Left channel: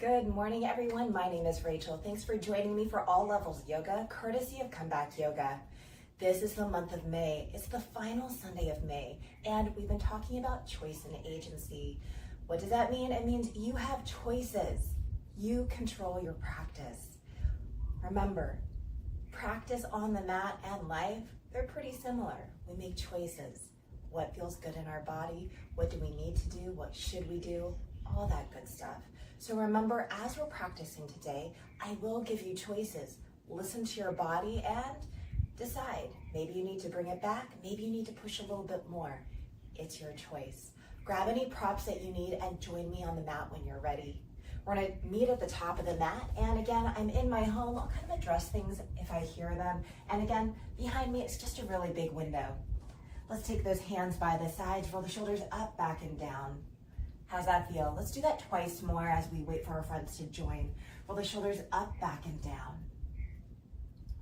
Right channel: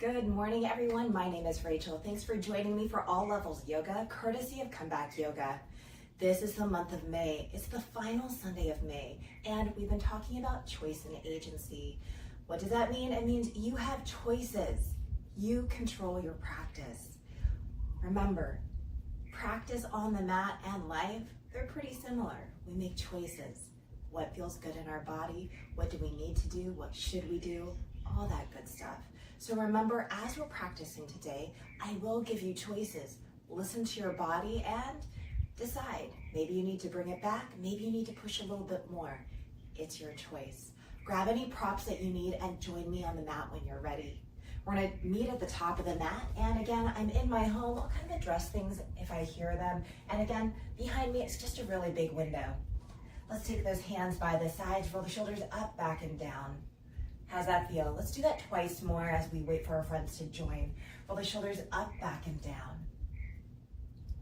Good morning, everyone. My name is Rachel. Thanks for joining me for All Levels Yoga, courtesy of Comeback Yoga. This is the month of May. It's the final Sunday of May, and we've been talking about choice and agency. What does that mean? It means you have choices. You control your practice. Remember, practice on the mat and life, they're pretty similar. We make choices. What feels good in our body? What do we need to do? What should we do? All that good stuff. So remember, as we're practicing today, I will give you choices. Listen to your body and decide. Maybe you need to bring it back. Maybe you need to push a little bit more. It's your choice. Grab any props that you need and join me on the mat when you're ready. We're gonna meet at the top of the mat. And again, I'm in my home. I'll kind of address things if I hear them. And again, behind me, it's just a really big window. Let's take those hands by the sides, roll the shoulders up, back, and down. How's that feel? Let's do that twice more as we wait for our friends to join. Roll the shoulders up, back, and down.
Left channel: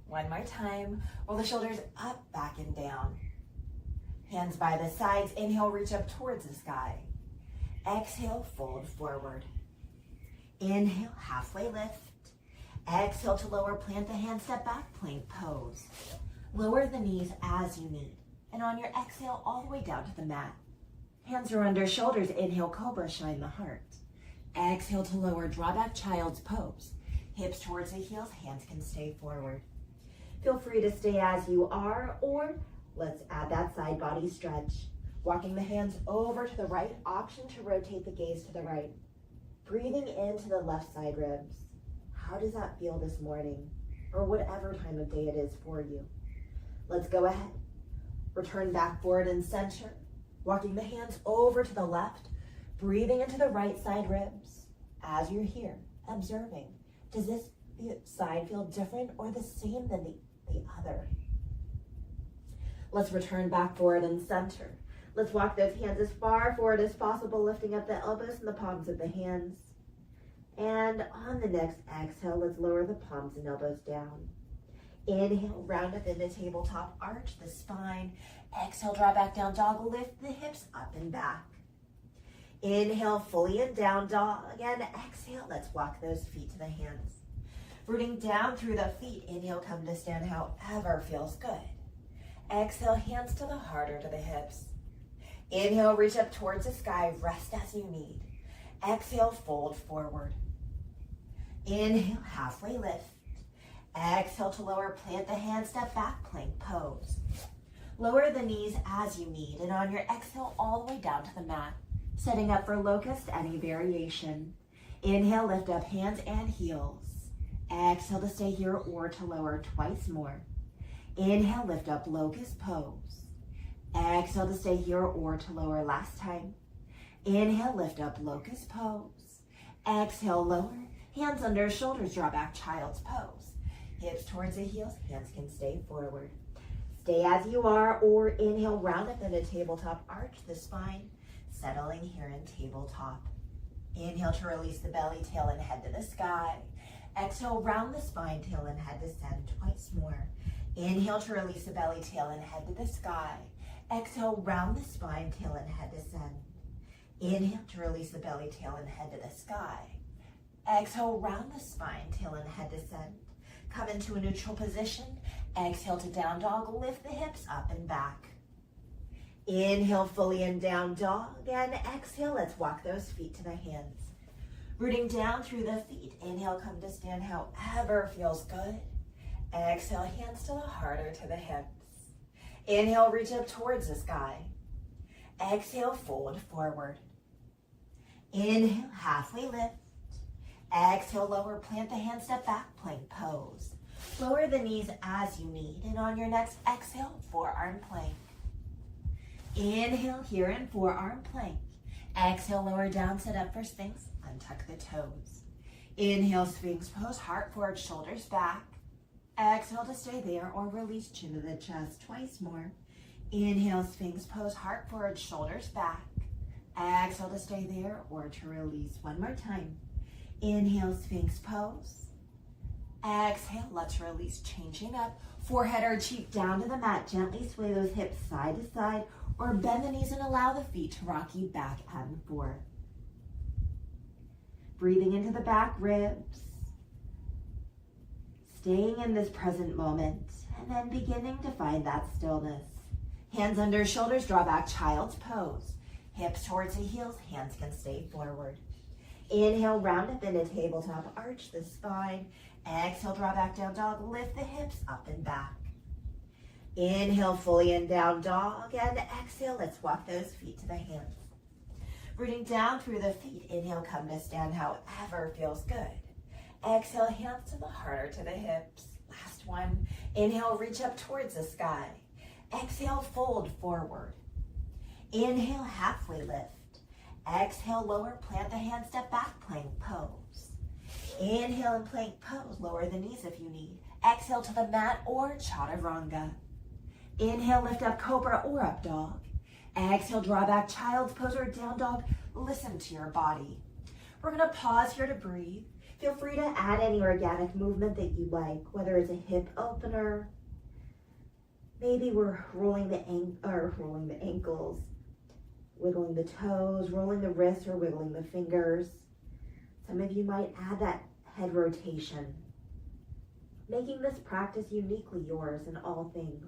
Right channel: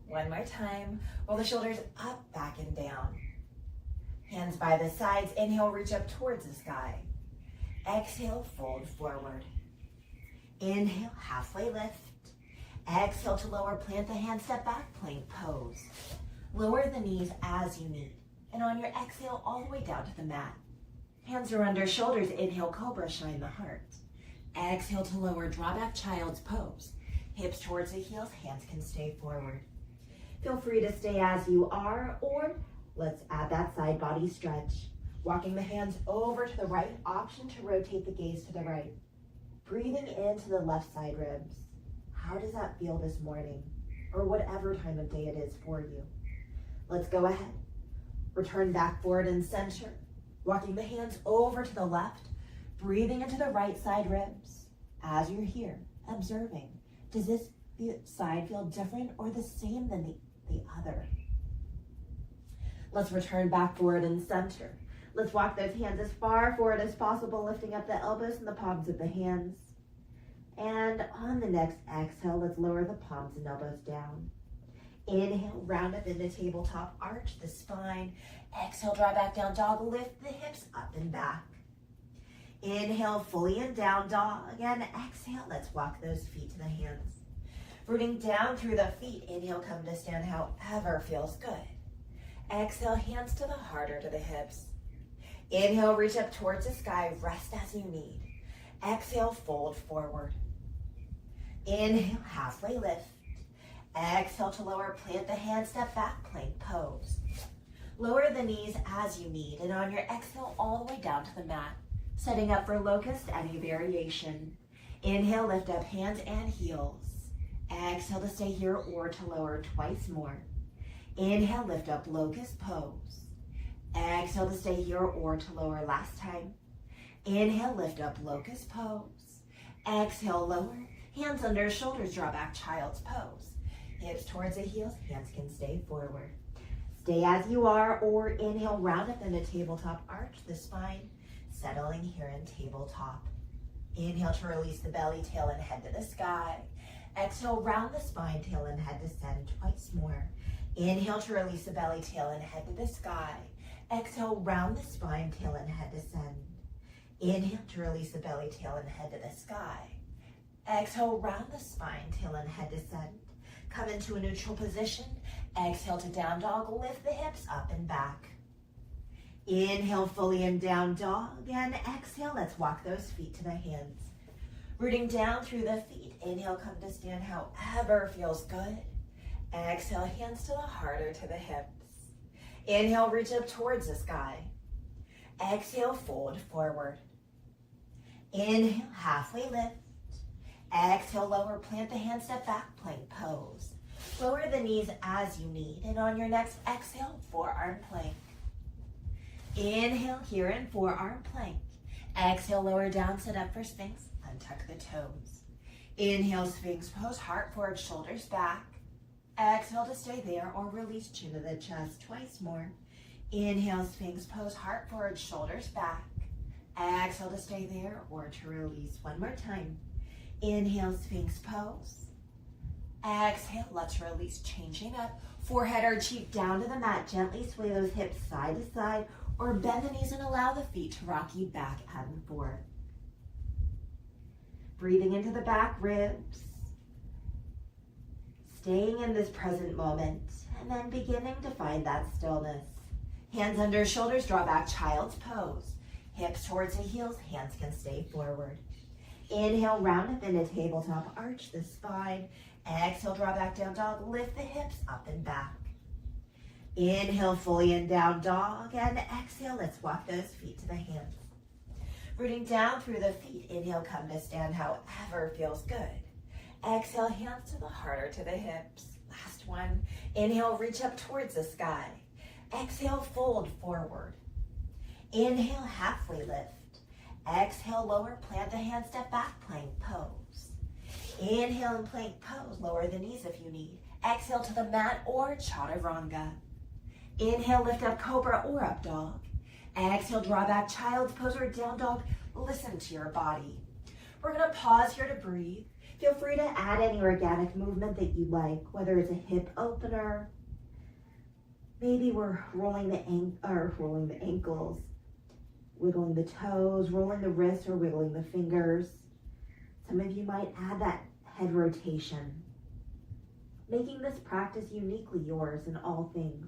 One more time. Roll the shoulders up, back, and down. Hands by the sides. Inhale, reach up towards the sky. Exhale, fold forward. Inhale, halfway lift. Exhale to lower, plant the hands, step back, plank pose. Lower the knees as you need. And on your exhale, all the way down to the mat. Hands are under shoulders. Inhale, cobra, shine the heart. Exhale to lower, draw back, child's pose. Hips towards the heels, hands can stay forward. Feel free to stay as you are, or let's add that side body stretch. Walking the hands over to the right, option to rotate the gaze to the right. Breathing into the left side ribs. How does that feel this morning? Or whatever time of day it is for you. Let's go ahead. Return back forward and center. Walking the hands over to the left, breathing into the right side ribs. As you're here, observing, does this side feel different or the same than the other? Let's return back forward and center. Let's walk those hands as far forward as possible, lifting up the elbows and the palms of the hands. And on the next exhale, let's lower the palms and elbows down. Inhale, round up in the tabletop, arch the spine. Exhale, draw back down dog, lift the hips up and back. Inhale, fully in down dog. Again, exhale, let's walk those feet to the hands. Rooting down through the feet. Inhale, come to stand however feels good. Exhale, hands to the heart or to the hips. Inhale, reach up towards the sky, rest as you need. Exhale, fold forward. Inhale, halfway lift. Exhale to lower, plant the hands, step back, plank pose. Lower the knees as you need, and on your exhale, all the way down to the mat. Setting up for locust, any variation. Inhale, lift up hands and heels. Exhale to stay here or to lower twice more. Inhale, lift up locust pose. Exhale to stay here or to lower last time. Inhale, lift up locust pose. Exhale, lower. Hands under shoulders, draw back, child's pose. Hips towards the heels, hands can stay forward. Stay as you are, or inhale, round up in a tabletop, arch the spine, settling here in tabletop. Inhale to release the belly, tail and head to the sky. Exhale, round the spine, tail and head descend twice more. Inhale to release the belly, tail and head to the sky. Exhale, round the spine, tail and head descend. Inhale to release the belly, tail and head to the sky. Exhale, round the spine, tail and head descend. Come into a neutral position. Exhale to down dog, lift the hips up and back. Inhale, fully in down dog. And exhale, let's walk those feet to the hands. Rooting down through the feet. Inhale, come to stand however feels good. Exhale, hands to the heart or to the hips. Inhale, reach up towards the sky. Exhale, fold forward. Inhale, halfway lift. Exhale, lower, plant the hands, step back, plank pose. Lower the knees as you need, and on your next exhale, forearm plank. Inhale here in forearm plank. Exhale, lower down, sit up for Sphinx, untuck the toes. Inhale, Sphinx pose, heart forward, shoulders back. Exhale to stay there or release, chin to the chest twice more. Inhale, Sphinx pose, heart forward, shoulders back. Exhale to stay there or to release. One more time. Inhale, Sphinx pose. Exhale, let's release, changing up. Forehead or cheek down to the mat. Gently sway those hips side to side or bend the knees and allow the feet to rock you back and forth. Breathing into the back ribs. Staying in this present moment, and then beginning to find that stillness. Hands under shoulders, draw back child's pose. Hips towards the heels, hands can stay forward. Inhale, round up in a tabletop, arch the spine. Exhale, draw back down dog, lift the hips up and back. Inhale, fully in down dog, and exhale, let's walk those feet to the hands. Rooting down through the feet, inhale, come to stand however feels good. Exhale, hands to the heart or to the hips. Last one. Inhale, reach up towards the sky. Exhale, fold forward. Inhale, halfway lift. Exhale, lower, plant the hands, step back, plank pose. Inhale and plank pose, lower the knees if you need. Exhale to the mat or chaturanga. Inhale, lift up cobra or up dog. Exhale, draw back child's pose or down dog. Listen to your body. We're gonna pause here to breathe. Feel free to add any organic movement that you like, whether it's a hip opener. Maybe we're rolling the ankles, wiggling the toes, rolling the wrists or wiggling the fingers. Some of you might add that head rotation, making this practice uniquely yours in all things.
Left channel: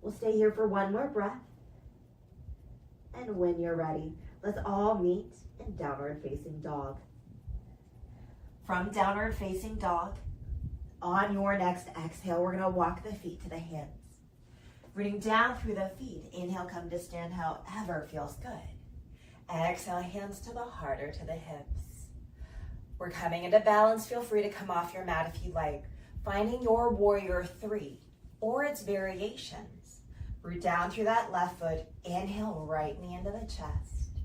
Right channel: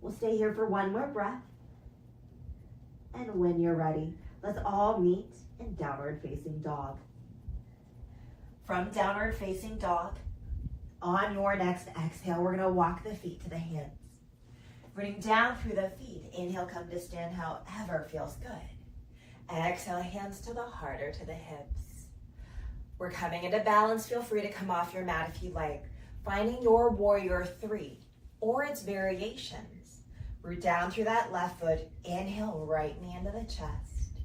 We'll stay here for one more breath. And when you're ready, let's all meet in downward facing dog. From downward facing dog, on your next exhale, we're gonna walk the feet to the hands. Rooting down through the feet, inhale, come to stand however feels good. Exhale, hands to the heart or to the hips. We're coming into balance. Feel free to come off your mat if you like. Finding your warrior three or its variations. Root down through that left foot. Inhale, right knee into the chest.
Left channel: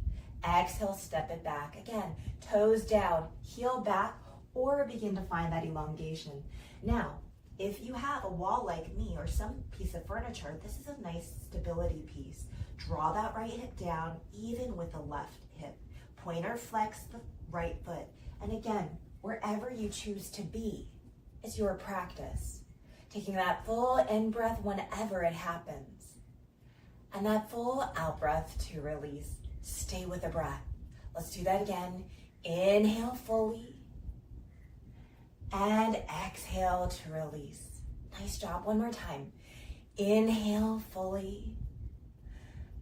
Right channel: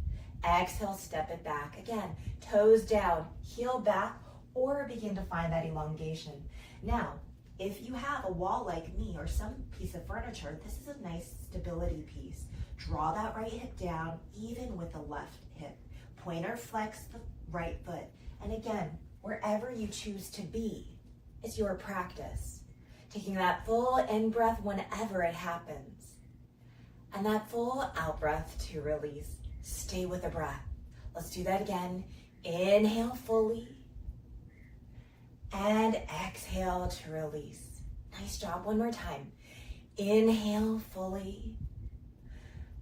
Exhale, step it back. Again, toes down, heel back, or begin to find that elongation. Now, if you have a wall like me or some piece of furniture, this is a nice stability piece. Draw that right hip down, even with the left hip. Pointer flex the right foot. And again, wherever you choose to be, it's your practice. Taking that full in breath whenever it happens. And that full out breath to release. Stay with the breath. Let's do that again. Inhale fully. And exhale to release. Nice job. One more time. Inhale fully.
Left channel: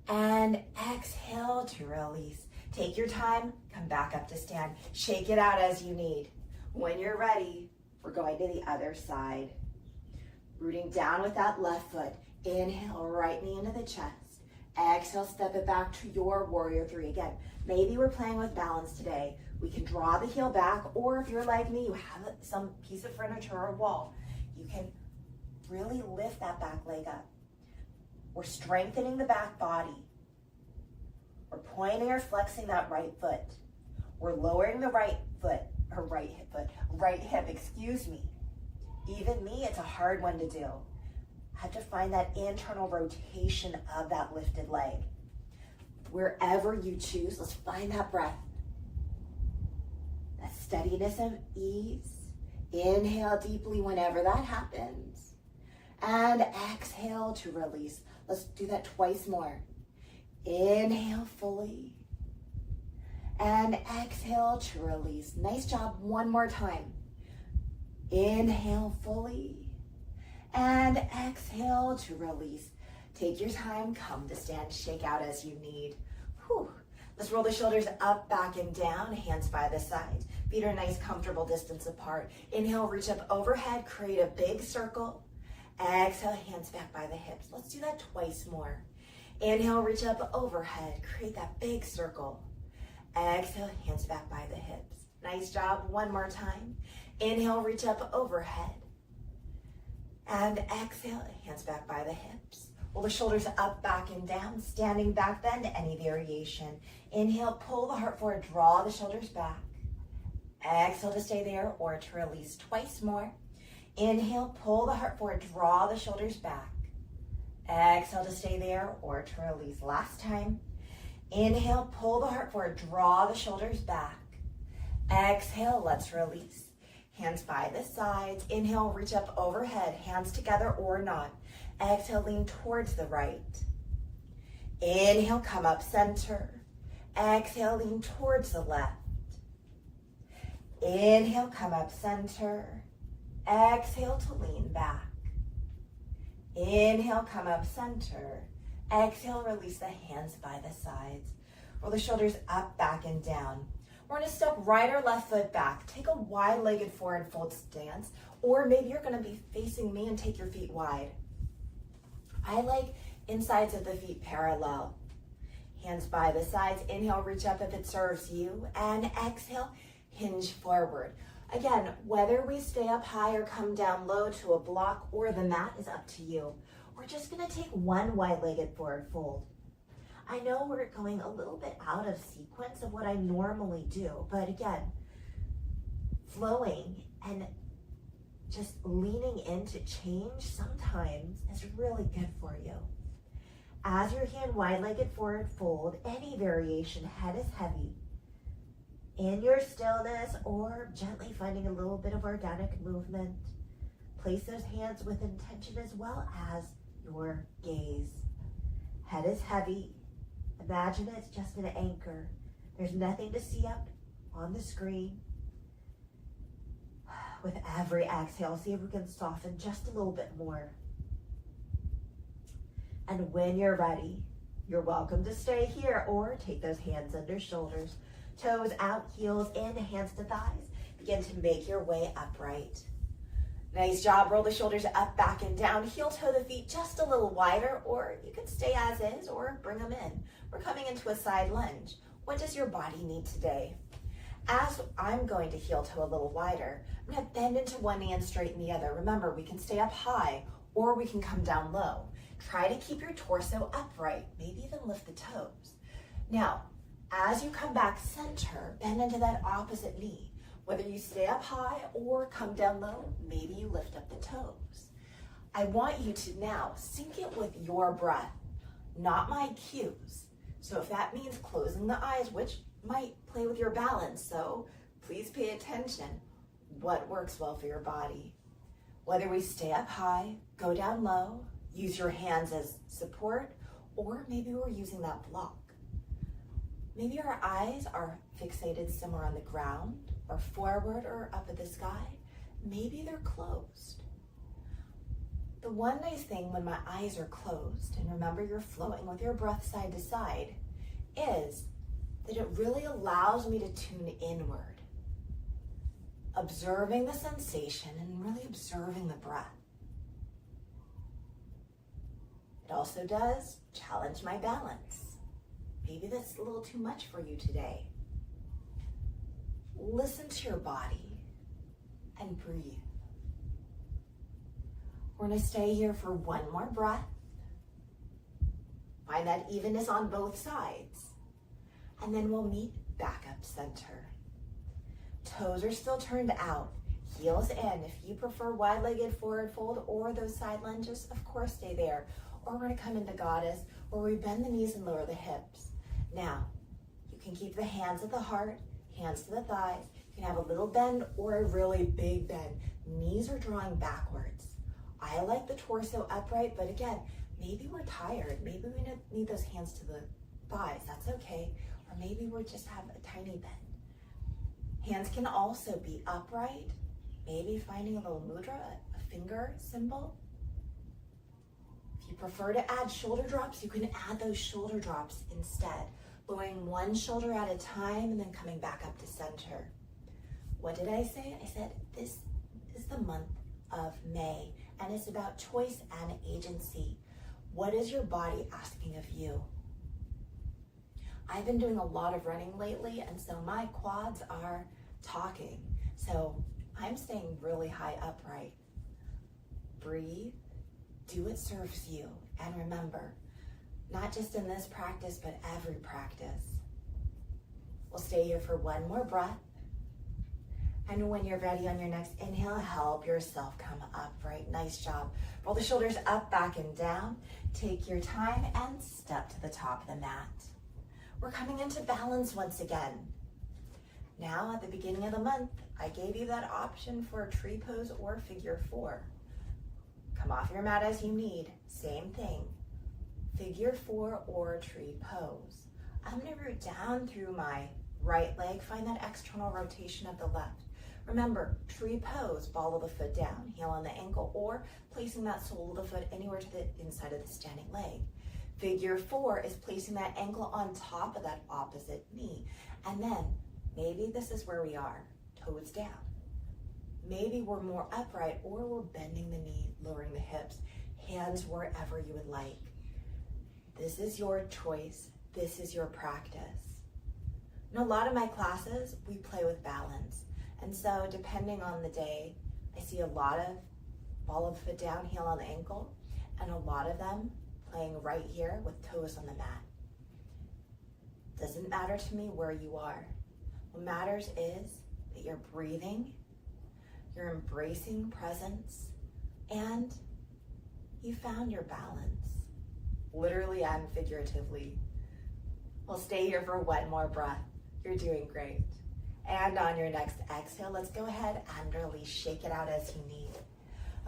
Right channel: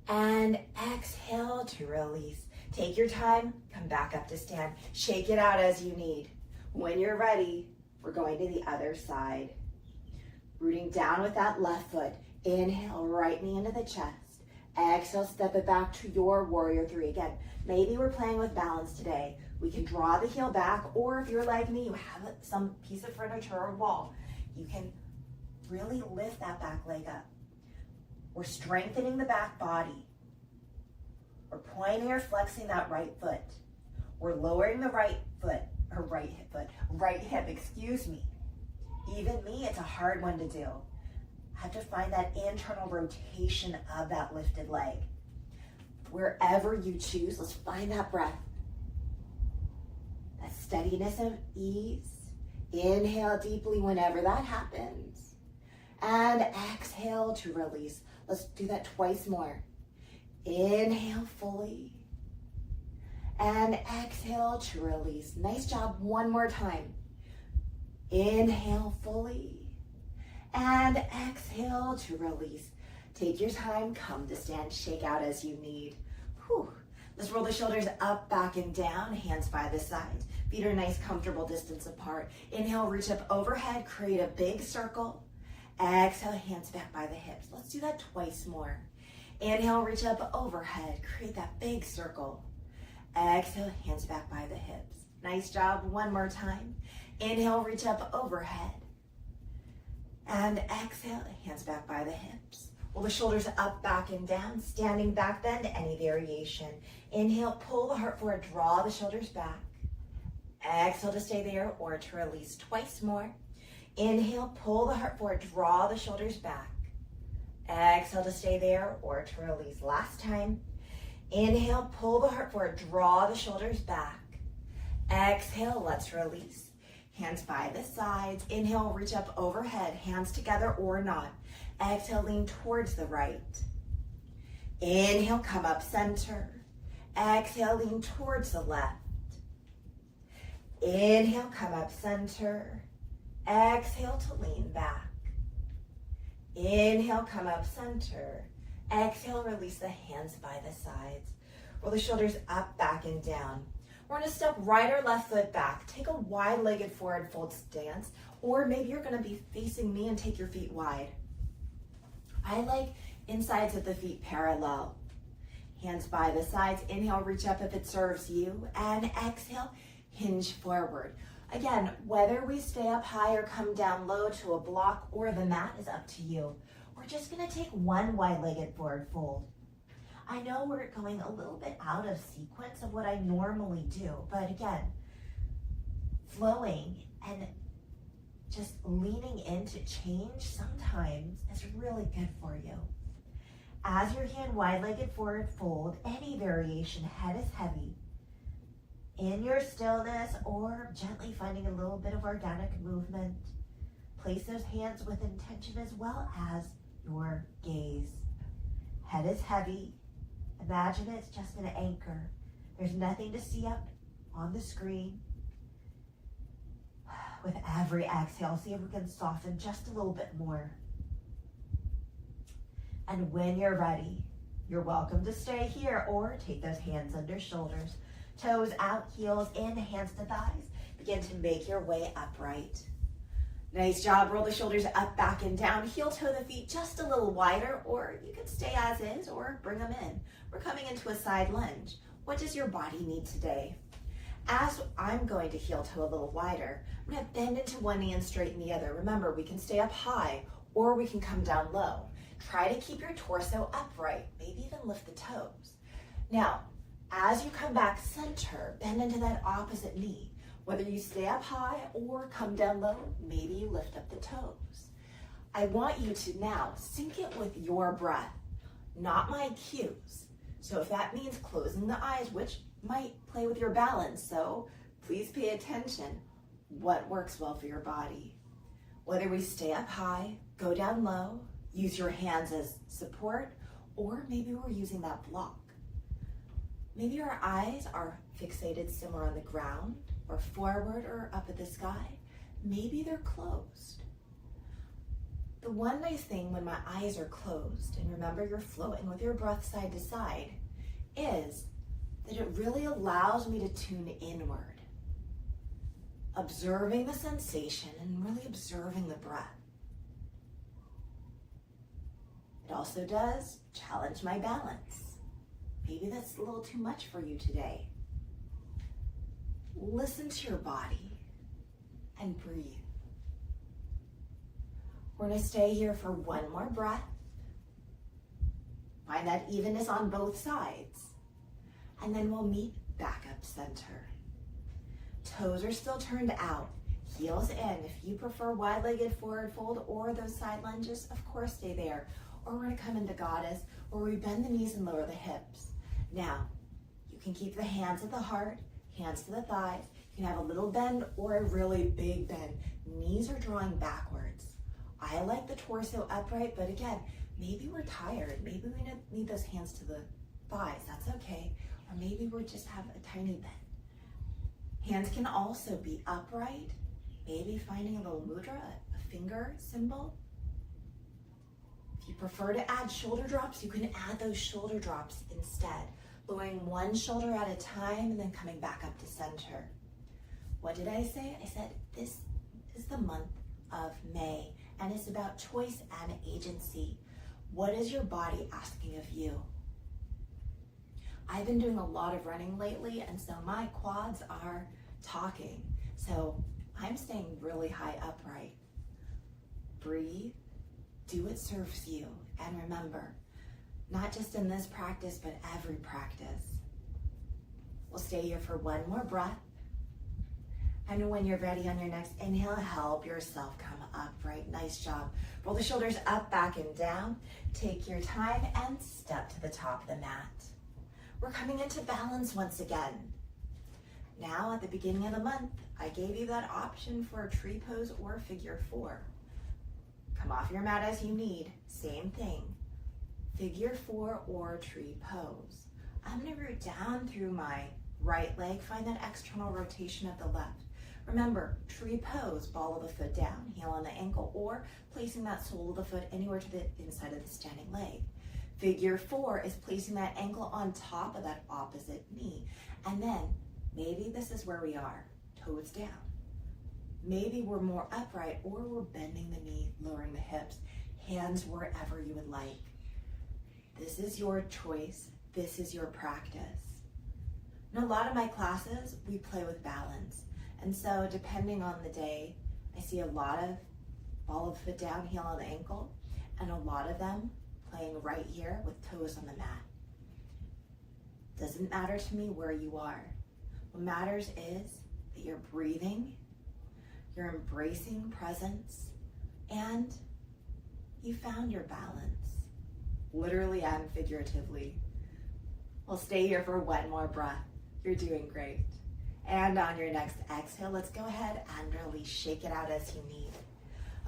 And exhale to release. Take your time. Come back up to stand. Shake it out as you need. When you're ready, we're going to the other side. Rooting down with that left foot. Inhale, right knee into the chest. Exhale, step it back to your warrior three. Again, maybe we're playing with balance today. We can draw the heel back, or if you're like me, you have some piece of furniture or wall, you can really lift that back leg up. We're strengthening the back body. We're pointing or flexing that right foot. We're lowering the right hip, excuse me. Even me, it's a hard one to do. I have to find that internal rotation of that lifted leg. Wherever you choose, let's find that breath. That steadiness and ease. Inhale deeply whenever that happens. And exhale to release. Let's do that twice more. Inhale fully. And exhale to release. Nice job. One more time. Inhale fully. And exhale to release. Take your time. Come to stand. Shake out as you need. Whew. Let's roll the shoulders up, back, and down. Hands by the sides. Feet are nice, comfortable distance apart. Inhale, reach up overhead. Create a big circle. Exhale, hands back by the hips. Let's do that twice more. Inhale, reach up overhead. Create that big circle. Exhale, hands back by the hips. Nice job. One more time. Inhale, reach up overhead. And exhale, hands back by the hips. Roll the shoulders up, back, and down. Standing back bend, any variation. Inhale, pull the heart forward, draw the shoulders back. Exhale to stay there or to release twice more. Inhale, pull the heart forward, draw the shoulders back. Exhale to stay there or to release. Last time. Inhale, pull the heart forward, draw the shoulders back. Exhale, let's release. Hands by the sides. Inhale, reach up overhead, hands together or not. Exhale, lean towards the right. Inhale, come up center. Exhale, lean towards the left. Inhale, come up center. Exhale to lean back. Inhale, come up center. Exhale, release the hands by the sides. Roll the shoulders up, back, and down. We're gonna step right or left foot back. Take a wide-legged forward fold stance, or maybe you're gonna be facing me and take your feet wide. I like insides of the feet parallel. Hands by the sides. Inhale, reach up if it serves you. And exhale, hinge forward. Again, whether we stay up high or come down low to a block or the mat is up to you. We're just gonna take one wide-legged forward fold. I know we're going a little bit out of sequence of what I normally do, but again, flowing and just leaning into change sometimes is really good for you. As your hand wide-legged forward fold, any variation, head is heavy. In your stillness or gently finding a little bit of organic movement, place those hands with intention as well as your gaze. Head is heavy. Imagine it's just an anchor. There's nothing to see up on the screen. With every exhale, see if we can soften just a little bit more. And when you're ready, you're welcome to stay here or take those hands under shoulders, toes out, heels in, hands to thighs. Begin to make your way upright. Nice job. Roll the shoulders up, back, and down. Heel toe the feet just a little wider, or you can stay as is or bring them in. We're coming into a side lunge. What does your body need today? As I'm going to heel toe a little wider, I'm going to bend into one knee and straighten the other. Remember, we can stay up high or we can come down low. Try to keep your torso upright, maybe even lift the toes. Now, as you come back center, bend into that opposite knee. Whether you stay up high or come down low, maybe you lift up the toes. I want you to now sync it with your breath, not my cues. So if that means closing the eyes, which might play with your balance, so please pay attention. What works well for your body? Whether we stay up high, go down low, use your hands as support, or maybe we're using that block. Maybe our eyes are fixated somewhere on the ground, or forward or up at the sky. Maybe they're closed. The one nice thing when my eyes are closed, and remember you're flowing with your breath side to side, is that it really allows me to tune inward, observing the sensation and really observing the breath. It also does challenge my balance. Maybe that's a little too much for you today. Listen to your body and breathe. We're going to stay here for one more breath. Find that evenness on both sides. And then we'll meet back up center. Toes are still turned out, heels in. If you prefer wide-legged forward fold or those side lunges, of course stay there. Or we're going to come into goddess, where we bend the knees and lower the hips. Now, you can keep the hands at the heart, hands to the thighs. You can have a little bend or a really big bend. Knees are drawing backwards. I like the torso upright, but again, maybe we're tired. Maybe we need those hands to the thighs. That's okay. Or maybe we just have a tiny bend. Hands can also be upright. Maybe finding a little mudra, a finger symbol. If you prefer to add shoulder drops, you can add those shoulder drops instead. Lowering one shoulder at a time and then coming back up to center. What did I say? I said this is the month of May, and it's about choice and agency. What is your body asking of you? I've been doing a lot of running lately, and so my quads are talking. So I'm staying really high upright. Breathe, do what serves you, and remember, not just in this practice, but every practice. We'll stay here for one more breath. And when you're ready on your next inhale, help yourself come upright. Nice job. Roll the shoulders up, back, and down. Take your time and step to the top of the mat. We're coming into balance once again. Now, at the beginning of the month, I gave you that option for a tree pose or figure four. Come off your mat as you need. Same thing. Figure four or tree pose. I'm going to root down through my right leg. Find that external rotation of the left. Remember, tree pose, ball of the foot down, heel on the ankle, or placing that sole of the foot anywhere to the inside of the standing leg. Figure 4 is placing that ankle on top of that opposite knee. And then maybe this is where we are, toes down. Maybe we're more upright, or we're bending the knee, lowering the hips, hands wherever you would like. This is your choice. This is your practice. In a lot of my classes, we play with balance. And so depending on the day, I see a lot of ball of the foot down, heel on the ankle, and a lot of them playing right here with toes on the mat. Doesn't matter to me where you are. What matters is that you're breathing, you're embracing presence, and you found your balance, literally and figuratively. We'll stay here for one more breath. You're doing great. And on your next exhale, let's go ahead and release. Shake it out as you need.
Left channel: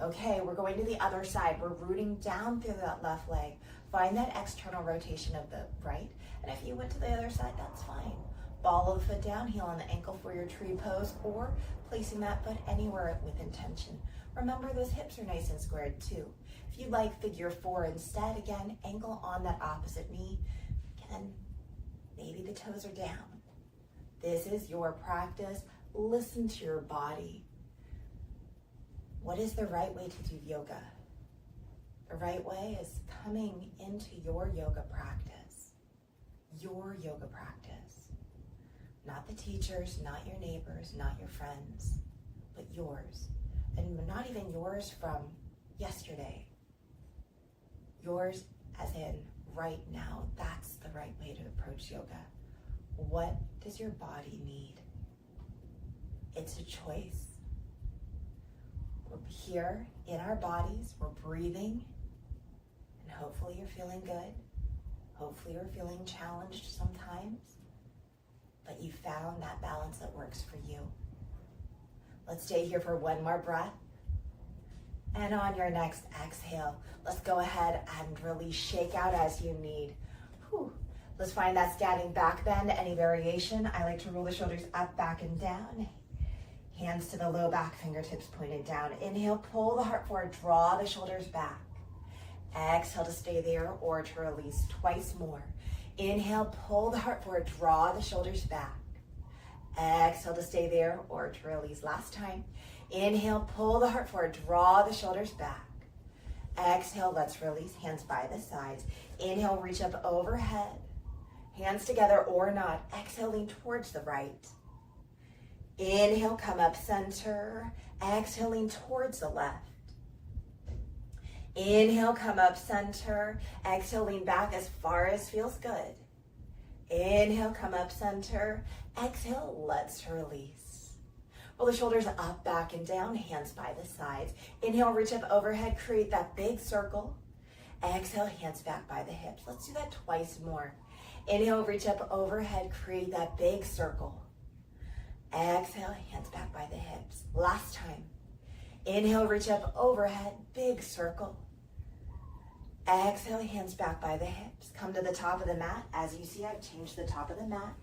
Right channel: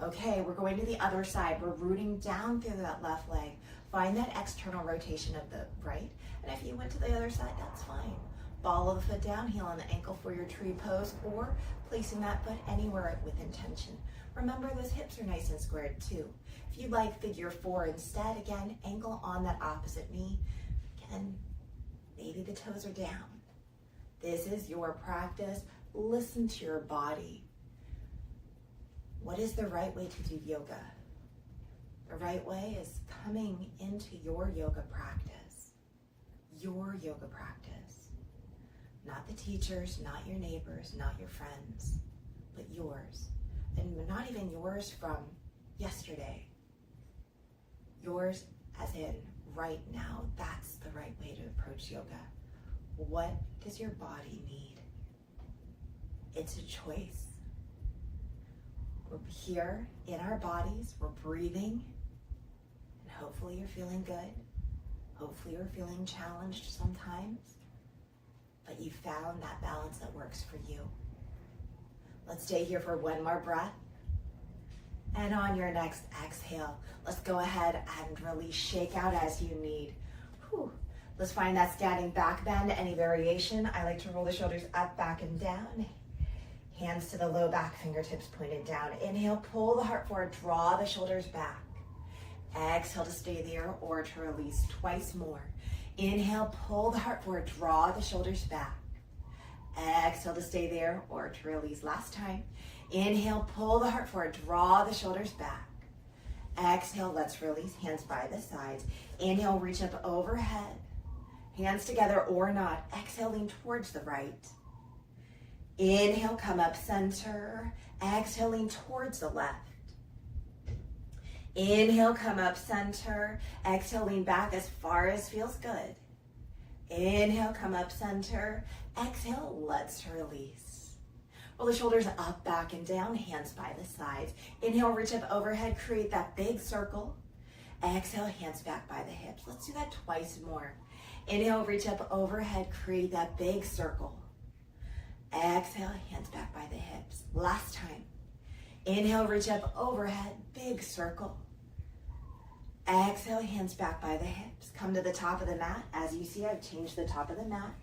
Okay, we're going to the other side. We're rooting down through that left leg. Find that external rotation of the right. And if you went to the other side, that's fine. Ball of the foot down, heel on the ankle for your tree pose, or placing that foot anywhere with intention. Remember, those hips are nice and squared too. If you like figure 4 instead, again, ankle on that opposite knee. Again, maybe the toes are down. This is your practice. Listen to your body. What is the right way to do yoga? The right way is coming into your yoga practice. Your yoga practice. Not the teachers, not your neighbors, not your friends, but yours. And not even yours from yesterday. Yours as in right now. That's the right way to approach yoga. What does your body need? It's a choice. We're here in our bodies, we're breathing, and hopefully you're feeling good. Hopefully you're feeling challenged sometimes, but you found that balance that works for you. Let's stay here for one more breath. And on your next exhale, let's go ahead and release. Shake out as you need. Whew. Let's find that standing back bend, any variation. I like to roll the shoulders up, back, and down. Hands to the low back, fingertips pointed down. Inhale, pull the heart forward, draw the shoulders back. Exhale to stay there or to release twice more. Inhale, pull the heart forward, draw the shoulders back. Exhale to stay there or to release. Last time. Inhale, pull the heart forward, draw the shoulders back. Exhale, let's release, hands by the sides. Inhale, reach up overhead. Hands together or not. Exhale, lean towards the right. Inhale, come up center. Exhale, lean towards the left. Inhale, come up center. Exhale, lean back as far as feels good. Inhale, come up center. Exhale, let's release. Roll the shoulders up, back, and down. Hands by the sides. Inhale, reach up overhead. Create that big circle. Exhale, hands back by the hips. Let's do that twice more. Inhale, reach up overhead, create that big circle. Exhale, hands back by the hips. Last time. Inhale, reach up overhead, big circle. Exhale, hands back by the hips. Come to the top of the mat. As you see, I've changed the top of the mat.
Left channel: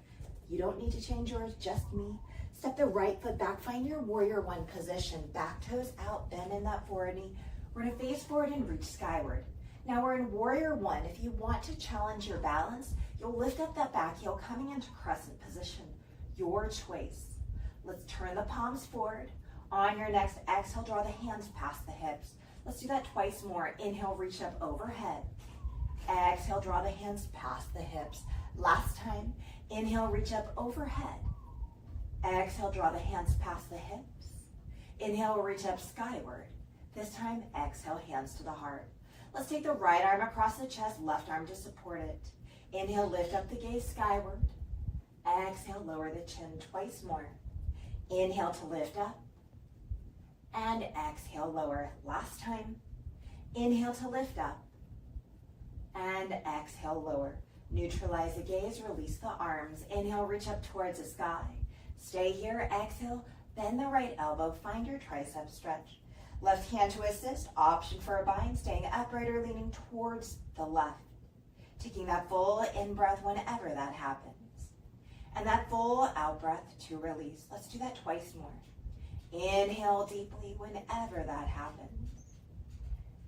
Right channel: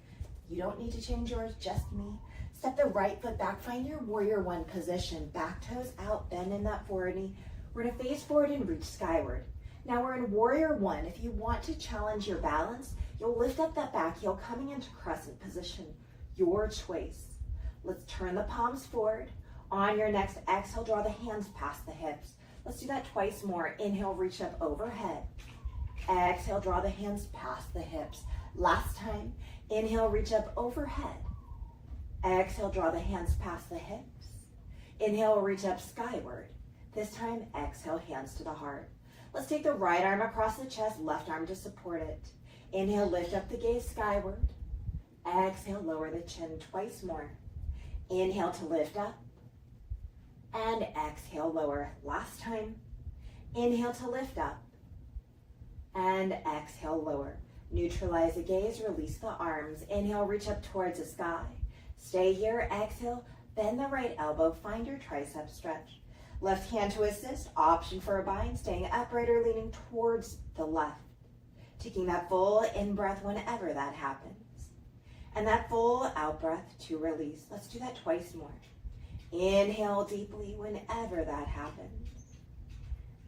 You don't need to change yours, just me. Step the right foot back, find your warrior 1 position. Back toes out, bend in that forward knee. We're gonna face forward and reach skyward. Now we're in warrior 1. If you want to challenge your balance, you'll lift up that back heel coming into crescent position. Your choice. Let's turn the palms forward. On your next exhale, draw the hands past the hips. Let's do that twice more. Inhale, reach up overhead. Exhale, draw the hands past the hips. Last time. Inhale, reach up overhead. Exhale, draw the hands past the hips. Inhale, reach up skyward. This time, exhale, hands to the heart. Let's take the right arm across the chest, left arm to support it. Inhale, lift up the gaze skyward. Exhale, lower the chin twice more. Inhale to lift up. And exhale, lower. Last time. Inhale to lift up. And exhale, lower. Neutralize the gaze, release the arms. Inhale, reach up towards the sky. Stay here, exhale, bend the right elbow, find your tricep stretch. Left hand to assist, option for a bind, staying upright or leaning towards the left. Taking that full in-breath whenever that happens. And that full out-breath to release. Let's do that twice more. Inhale deeply whenever that happens.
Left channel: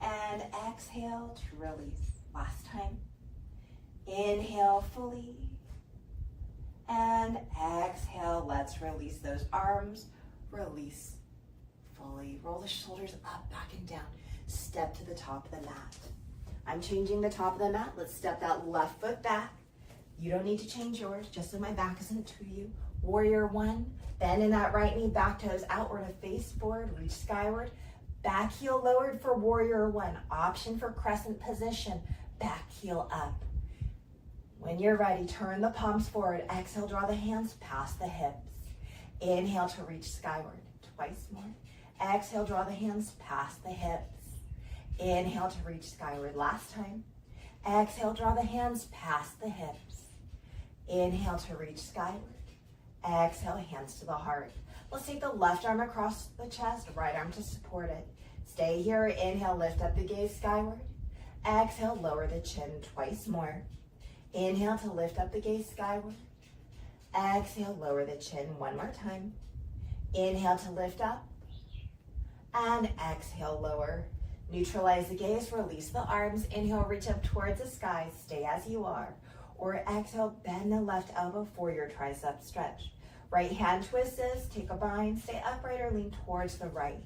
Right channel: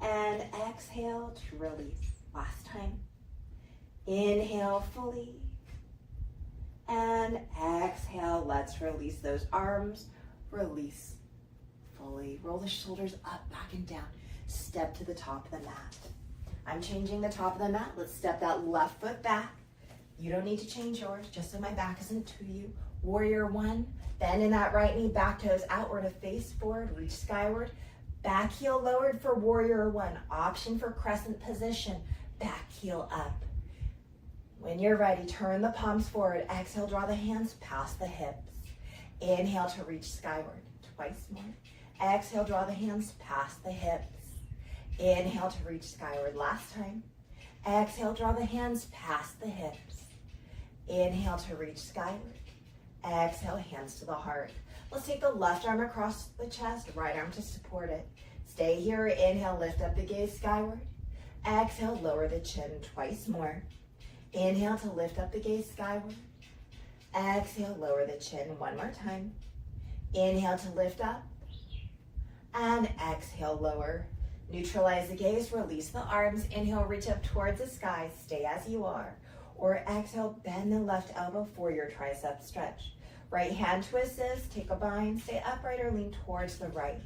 And exhale to release. Last time. Inhale fully. And exhale, let's release those arms. Release fully. Roll the shoulders up, back and down. Step to the top of the mat. I'm changing the top of the mat. Let's step that left foot back. You don't need to change yours, just so my back isn't to you. Warrior one. Bend in that right knee, back toes outward to face forward, reach skyward. Back heel lowered for warrior one. Option for crescent position. Back heel up. When you're ready, turn the palms forward. Exhale, draw the hands past the hips. Inhale to reach skyward. Twice more. Exhale, draw the hands past the hips. Inhale to reach skyward. Last time. Exhale, draw the hands past the hips. Inhale to reach skyward. Exhale, hands to the heart. Let's take the left arm across the chest, right arm to support it. Stay here. Inhale, lift up the gaze skyward. Exhale, lower the chin twice more. Inhale to lift up the gaze skyward. Exhale, lower the chin one more time. Inhale to lift up. And exhale, lower. Neutralize the gaze, release the arms. Inhale, reach up towards the sky. Stay as you are. Or exhale, bend the left elbow for your tricep stretch. Right hand to assist, take a bind, stay upright or lean towards the right.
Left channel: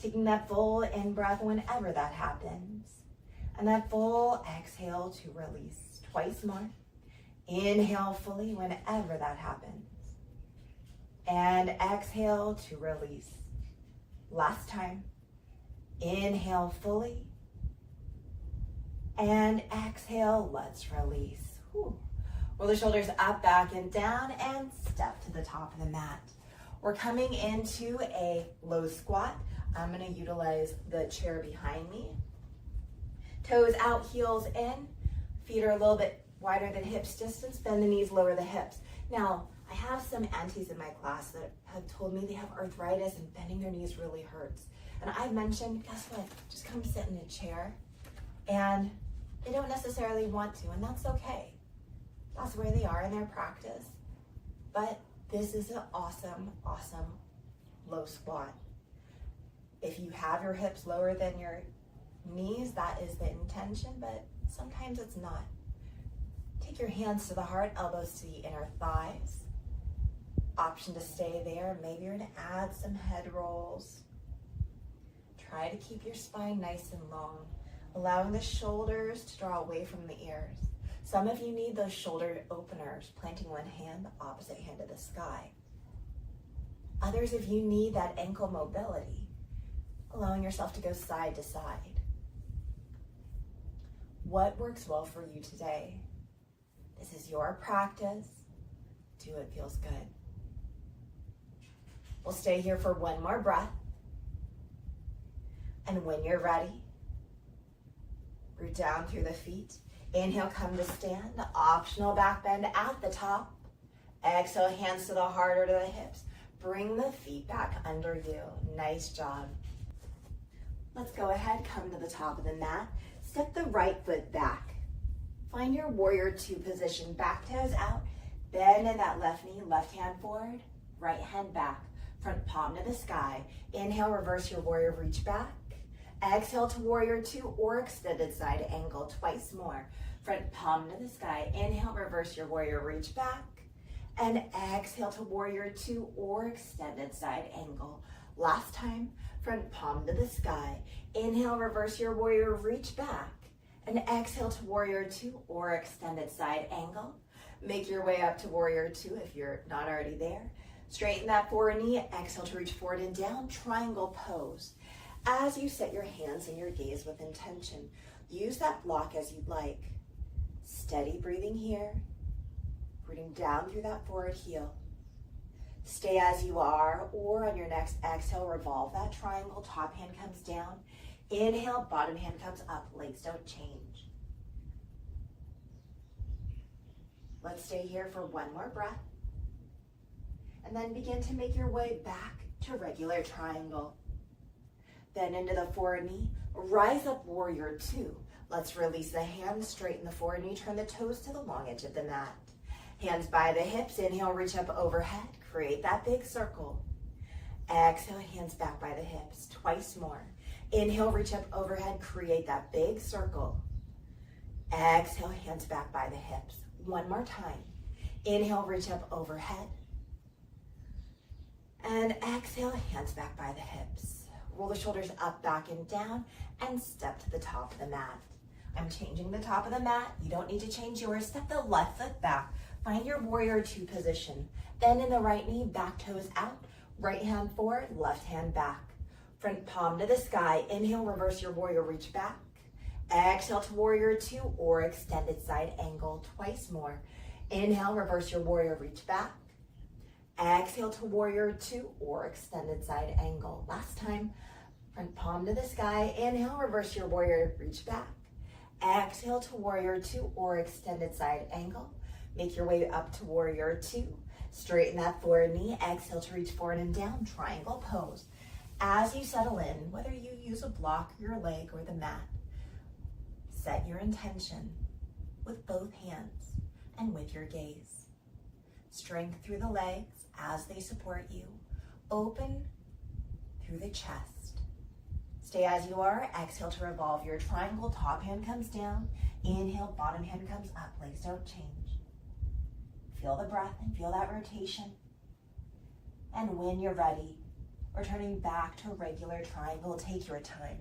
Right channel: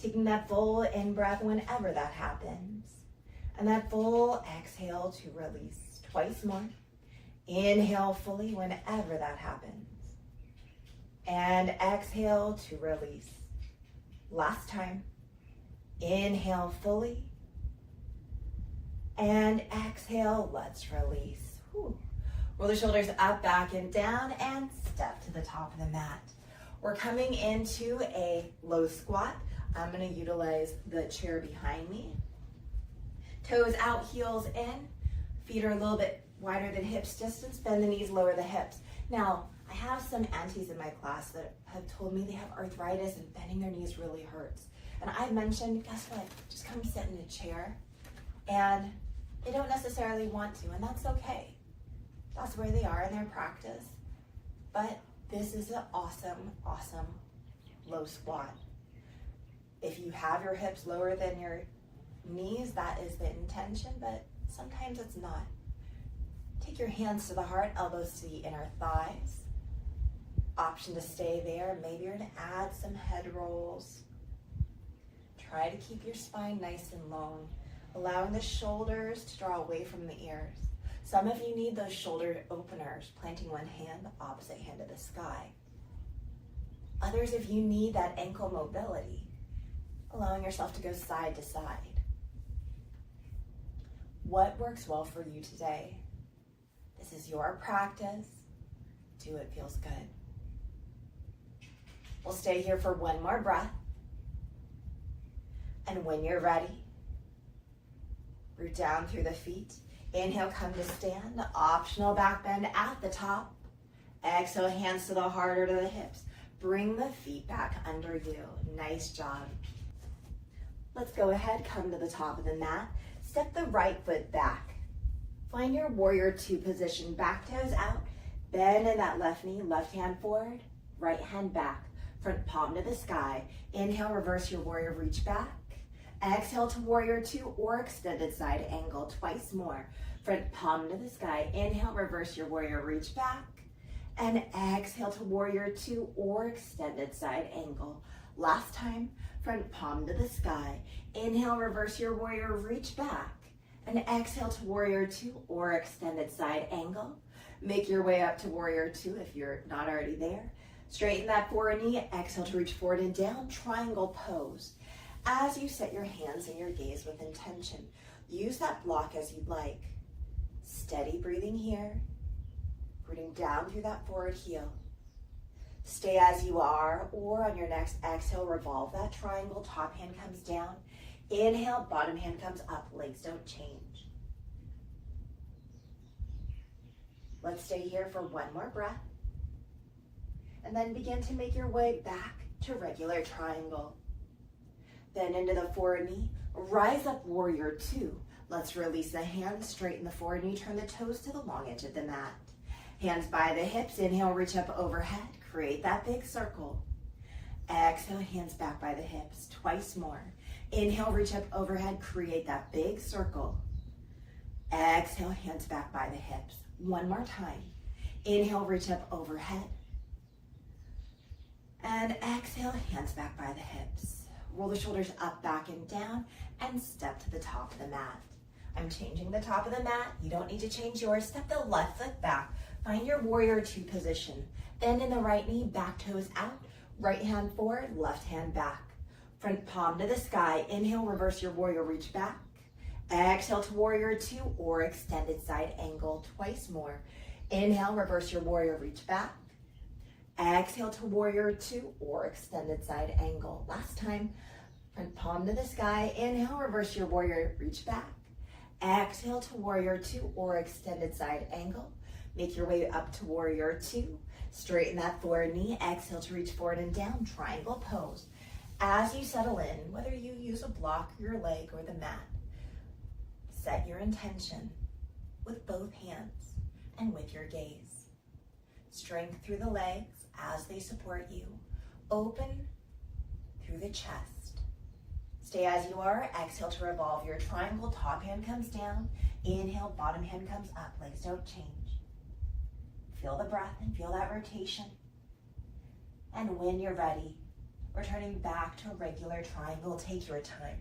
Taking that full in-breath whenever that happens. And that full exhale to release. Twice more. Inhale fully whenever that happens. And exhale to release. Last time. Inhale fully. And exhale, let's release. Whew. Roll the shoulders up, back, and down, and step to the top of the mat. We're coming into a low squat. I'm going to utilize the chair behind me. Toes out, heels in. Feet are a little bit wider than hips distance. Bend the knees, lower the hips. Now, I have some aunties in my class that have told me they have arthritis and bending their knees really hurts. And I mentioned, guess what? Just come sit in a chair. And they don't necessarily want to, and that's okay. That's where they are in their practice. But this is an awesome, awesome low squat. If you have your hips lower than your knees, that is the intention, but sometimes it's not. Take your hands to the heart, elbows to the inner thighs. Option to stay there. Maybe you're going to add some head rolls. Try to keep your spine nice and long, allowing the shoulders to draw away from the ears. Some of you need those shoulder openers, planting one hand, opposite hand to the sky. Others of you need that ankle mobility, allowing yourself to go side to side. What works well for you today? This is your practice. Do what feels good. We'll stay here for one more breath. And when you're ready, root down through the feet. Inhale, come to stand. Optional back bend at the top. Exhale, hands to the heart or to the hips. Bring the feet back under you. Nice job. Let's go ahead, come to the top of the mat. Step the right foot back. Find your warrior two position. Back toes out. Bend in that left knee, left hand forward, right hand back. Front palm to the sky. Inhale, reverse your warrior, reach back. Exhale to warrior two or extended side angle twice more. Front palm to the sky. Inhale, reverse your warrior, reach back. And exhale to warrior two or extended side angle. Last time, front palm to the sky. Inhale, reverse your warrior, reach back. And exhale to warrior two or extended side angle. Make your way up to warrior two if you're not already there. Straighten that forward knee. Exhale to reach forward and down. Triangle pose. As you set your hands and your gaze with intention, use that block as you'd like. Steady breathing here. Breathing down through that forward heel. Stay as you are, or on your next exhale, revolve that triangle. Top hand comes down. Inhale, bottom hand comes up. Legs don't change. Let's stay here for one more breath. And then begin to make your way back to regular triangle. Then into the forward knee. Rise up, warrior two. Let's release the hands, straighten the forward knee, turn the toes to the long edge of the mat. Hands by the hips, inhale, reach up overhead, create that big circle. Exhale, hands back by the hips, twice more. Inhale, reach up overhead, create that big circle. Exhale, hands back by the hips. One more time. Inhale, reach up overhead. And exhale, hands back by the hips. Roll the shoulders up, back, and down, and step to the top of the mat. I'm changing the top of the mat. You don't need to change yours. Step the left foot back. Find your warrior two position. Bend in the right knee, back toes out. Right hand forward, left hand back. Front palm to the sky. Inhale, reverse your warrior, reach back. Exhale to warrior two or extended side angle, twice more. Inhale, reverse your warrior, reach back. Exhale to warrior two or extended side angle. Last time, front palm to the sky. Inhale, reverse your warrior, reach back. Exhale to warrior two or extended side angle. Make your way up to warrior two. Straighten that forward knee. Exhale to reach forward and down, triangle pose. As you settle in, whether you use a block, your leg, or the mat, set your intention with both hands and with your gaze. Strength through the legs as they support you. Open through the chest. Stay as you are. Exhale to revolve your triangle. Top hand comes down. Inhale, bottom hand comes up. Legs don't change. Feel the breath and feel that rotation. And when you're ready, returning back to a regular triangle, take your time.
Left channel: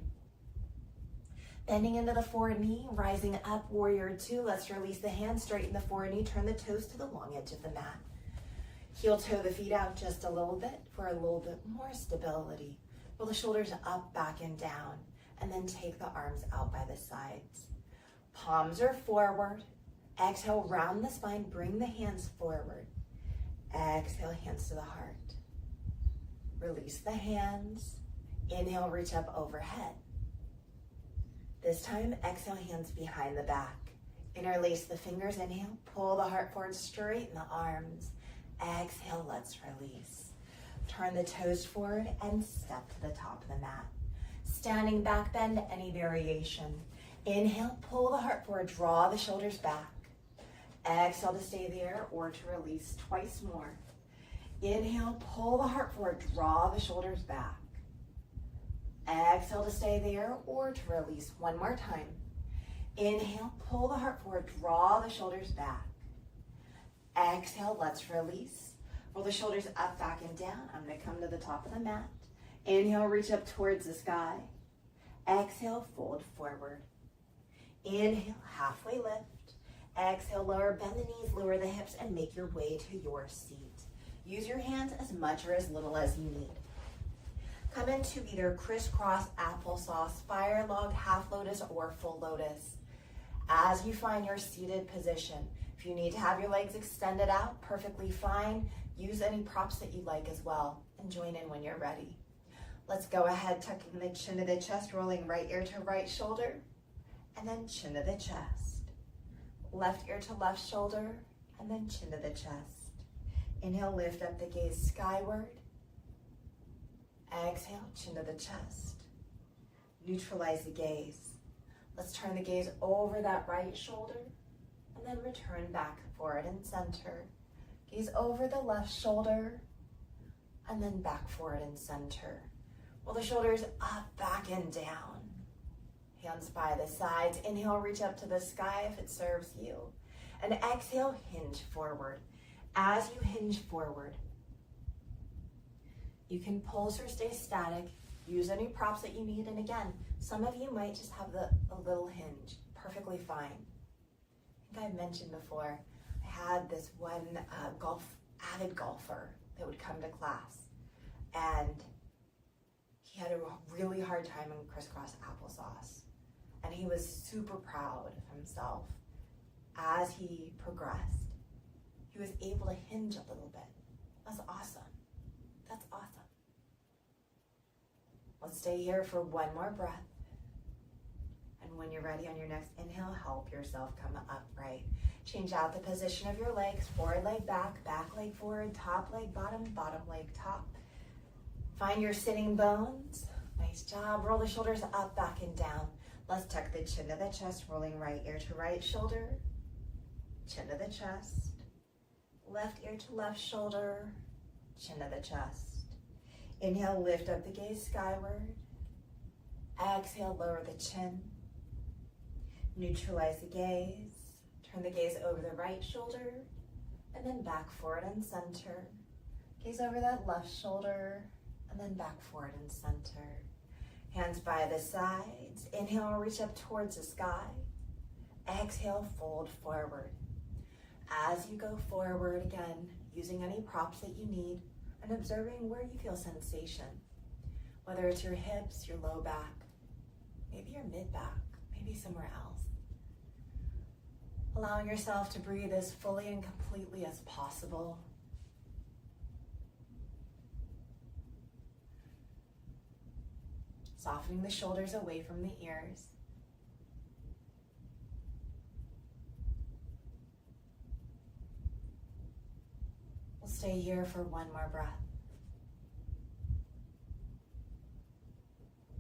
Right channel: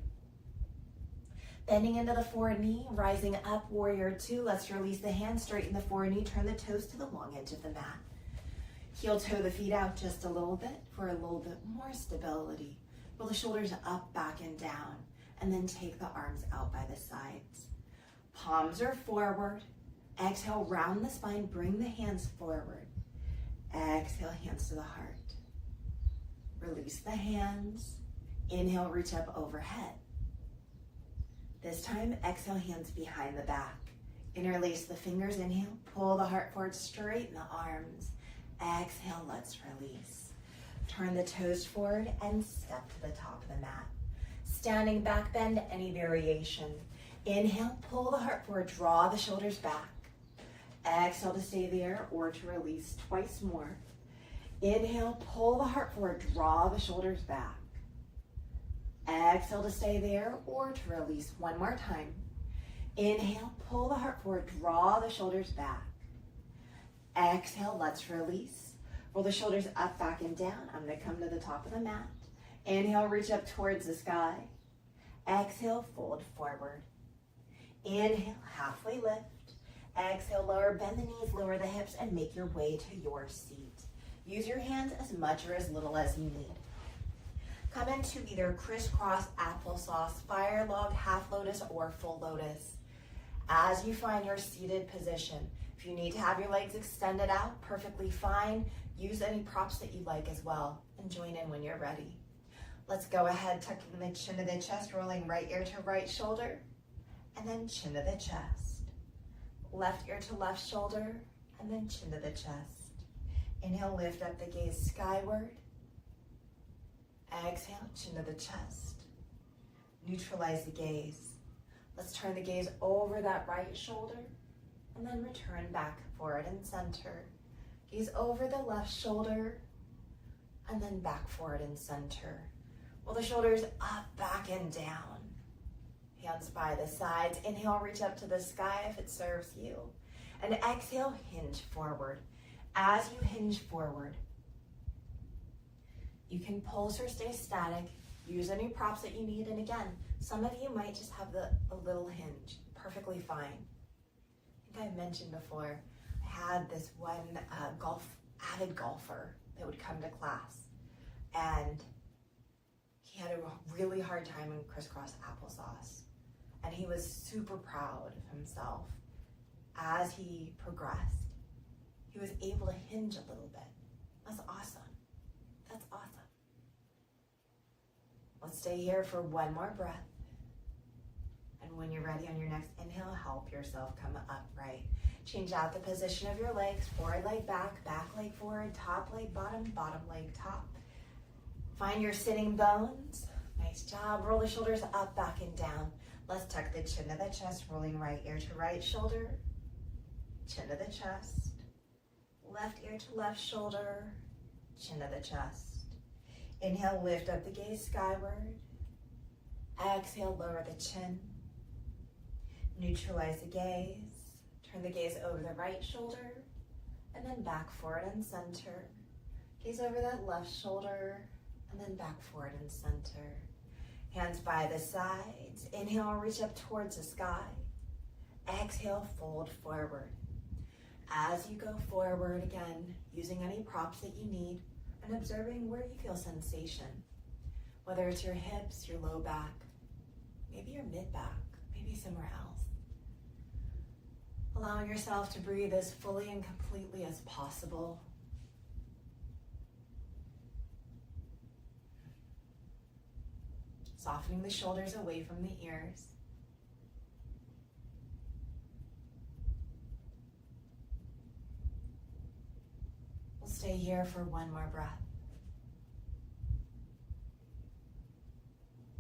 Bending into the forward knee, rising up, warrior two. Let's release the hands, straighten the forward knee, turn the toes to the long edge of the mat. Heel toe the feet out just a little bit for a little bit more stability. Roll the shoulders up, back, and down, and then take the arms out by the sides. Palms are forward. Exhale, round the spine, bring the hands forward. Exhale, hands to the heart. Release the hands. Inhale, reach up overhead. This time, exhale, hands behind the back. Interlace the fingers, inhale, pull the heart forward, straighten the arms. Exhale, let's release. Turn the toes forward and step to the top of the mat. Standing back bend, any variation. Inhale, pull the heart forward, draw the shoulders back. Exhale to stay there or to release twice more. Inhale, pull the heart forward, draw the shoulders back. Exhale to stay there or to release one more time. Inhale, pull the heart forward, draw the shoulders back. Exhale, let's release. Roll the shoulders up, back, and down. I'm gonna come to the top of the mat. Inhale, reach up towards the sky. Exhale, fold forward. Inhale, halfway lift. Exhale, lower, bend the knees, lower the hips, and make your way to your seat. Use your hands as much or as little as you need. Come into either crisscross, applesauce, fire log, half lotus, or full lotus. As you find your seated position, if you need to have your legs extended out, perfectly fine. Use any props that you like as well, and join in when you're ready. Let's go ahead, tucking the chin to the chest, rolling right ear to right shoulder, and then chin to the chest. Left ear to left shoulder, and then chin to the chest. Inhale, lift up the gaze skyward. Exhale, chin to the chest. Neutralize the gaze. Let's turn the gaze over that right shoulder and then return back, forward and center. Gaze over the left shoulder and then back, forward and center. Roll the shoulders up, back, and down. Hands by the sides. Inhale, reach up to the sky if it serves you. And exhale, hinge forward. As you hinge forward, you can pulse or stay static. Use any props that you need. And again, some of you might just have a little hinge. Perfectly fine. I think I've mentioned before, I had this one avid golfer that would come to class. And he had a really hard time in crisscross applesauce. And he was super proud of himself. As he progressed, he was able to hinge a little bit. That's awesome. That's awesome. Let's stay here for one more breath. And when you're ready on your next inhale, help yourself come upright. Change out the position of your legs. Forward leg back, back leg forward, top leg bottom, bottom leg top. Find your sitting bones. Nice job. Roll the shoulders up, back, and down. Let's tuck the chin to the chest, rolling right ear to right shoulder, chin to the chest, left ear to left shoulder, chin to the chest. Inhale, lift up the gaze skyward. Exhale, lower the chin. Neutralize the gaze. Turn the gaze over the right shoulder and then back forward and center. Gaze over that left shoulder and then back forward and center. Hands by the sides. Inhale, reach up towards the sky. Exhale, fold forward. As you go forward again, using any props that you need and observing where you feel sensation. Whether it's your hips, your low back, maybe your mid-back, maybe somewhere else. Allowing yourself to breathe as fully and completely as possible. Softening the shoulders away from the ears. We'll stay here for one more breath.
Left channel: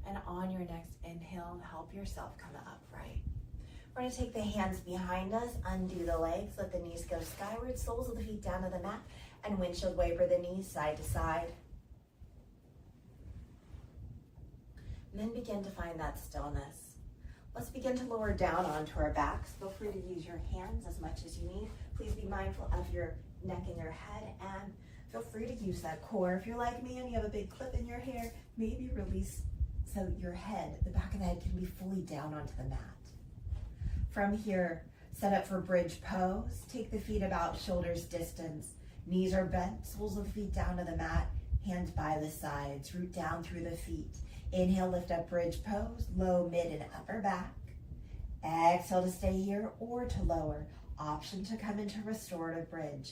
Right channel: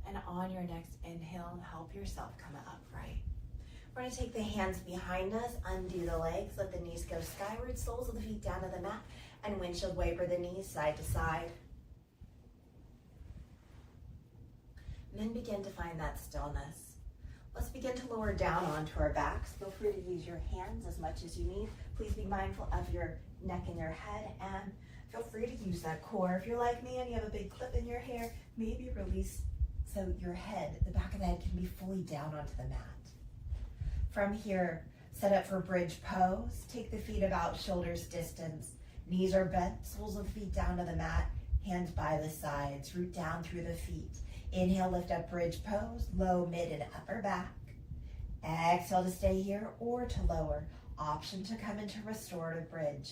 And on your next inhale, help yourself come upright. We're going to take the hands behind us, undo the legs, let the knees go skyward, soles of the feet down to the mat, and windshield wiper the knees side to side. And then begin to find that stillness. Let's begin to lower down onto our backs. Feel free to use your hands as much as you need. Please be mindful of your neck and your head, and feel free to use that core. If you're like me and you have a big clip in your hair, maybe release so your head, the back of the head, can be fully down onto the mat. From here, set up for bridge pose. Take the feet about shoulders distance. Knees are bent, soles of the feet down to the mat, hands by the sides, root down through the feet. Inhale, lift up bridge pose, low, mid, and upper back. Exhale to stay here or to lower. Option to come into restorative bridge.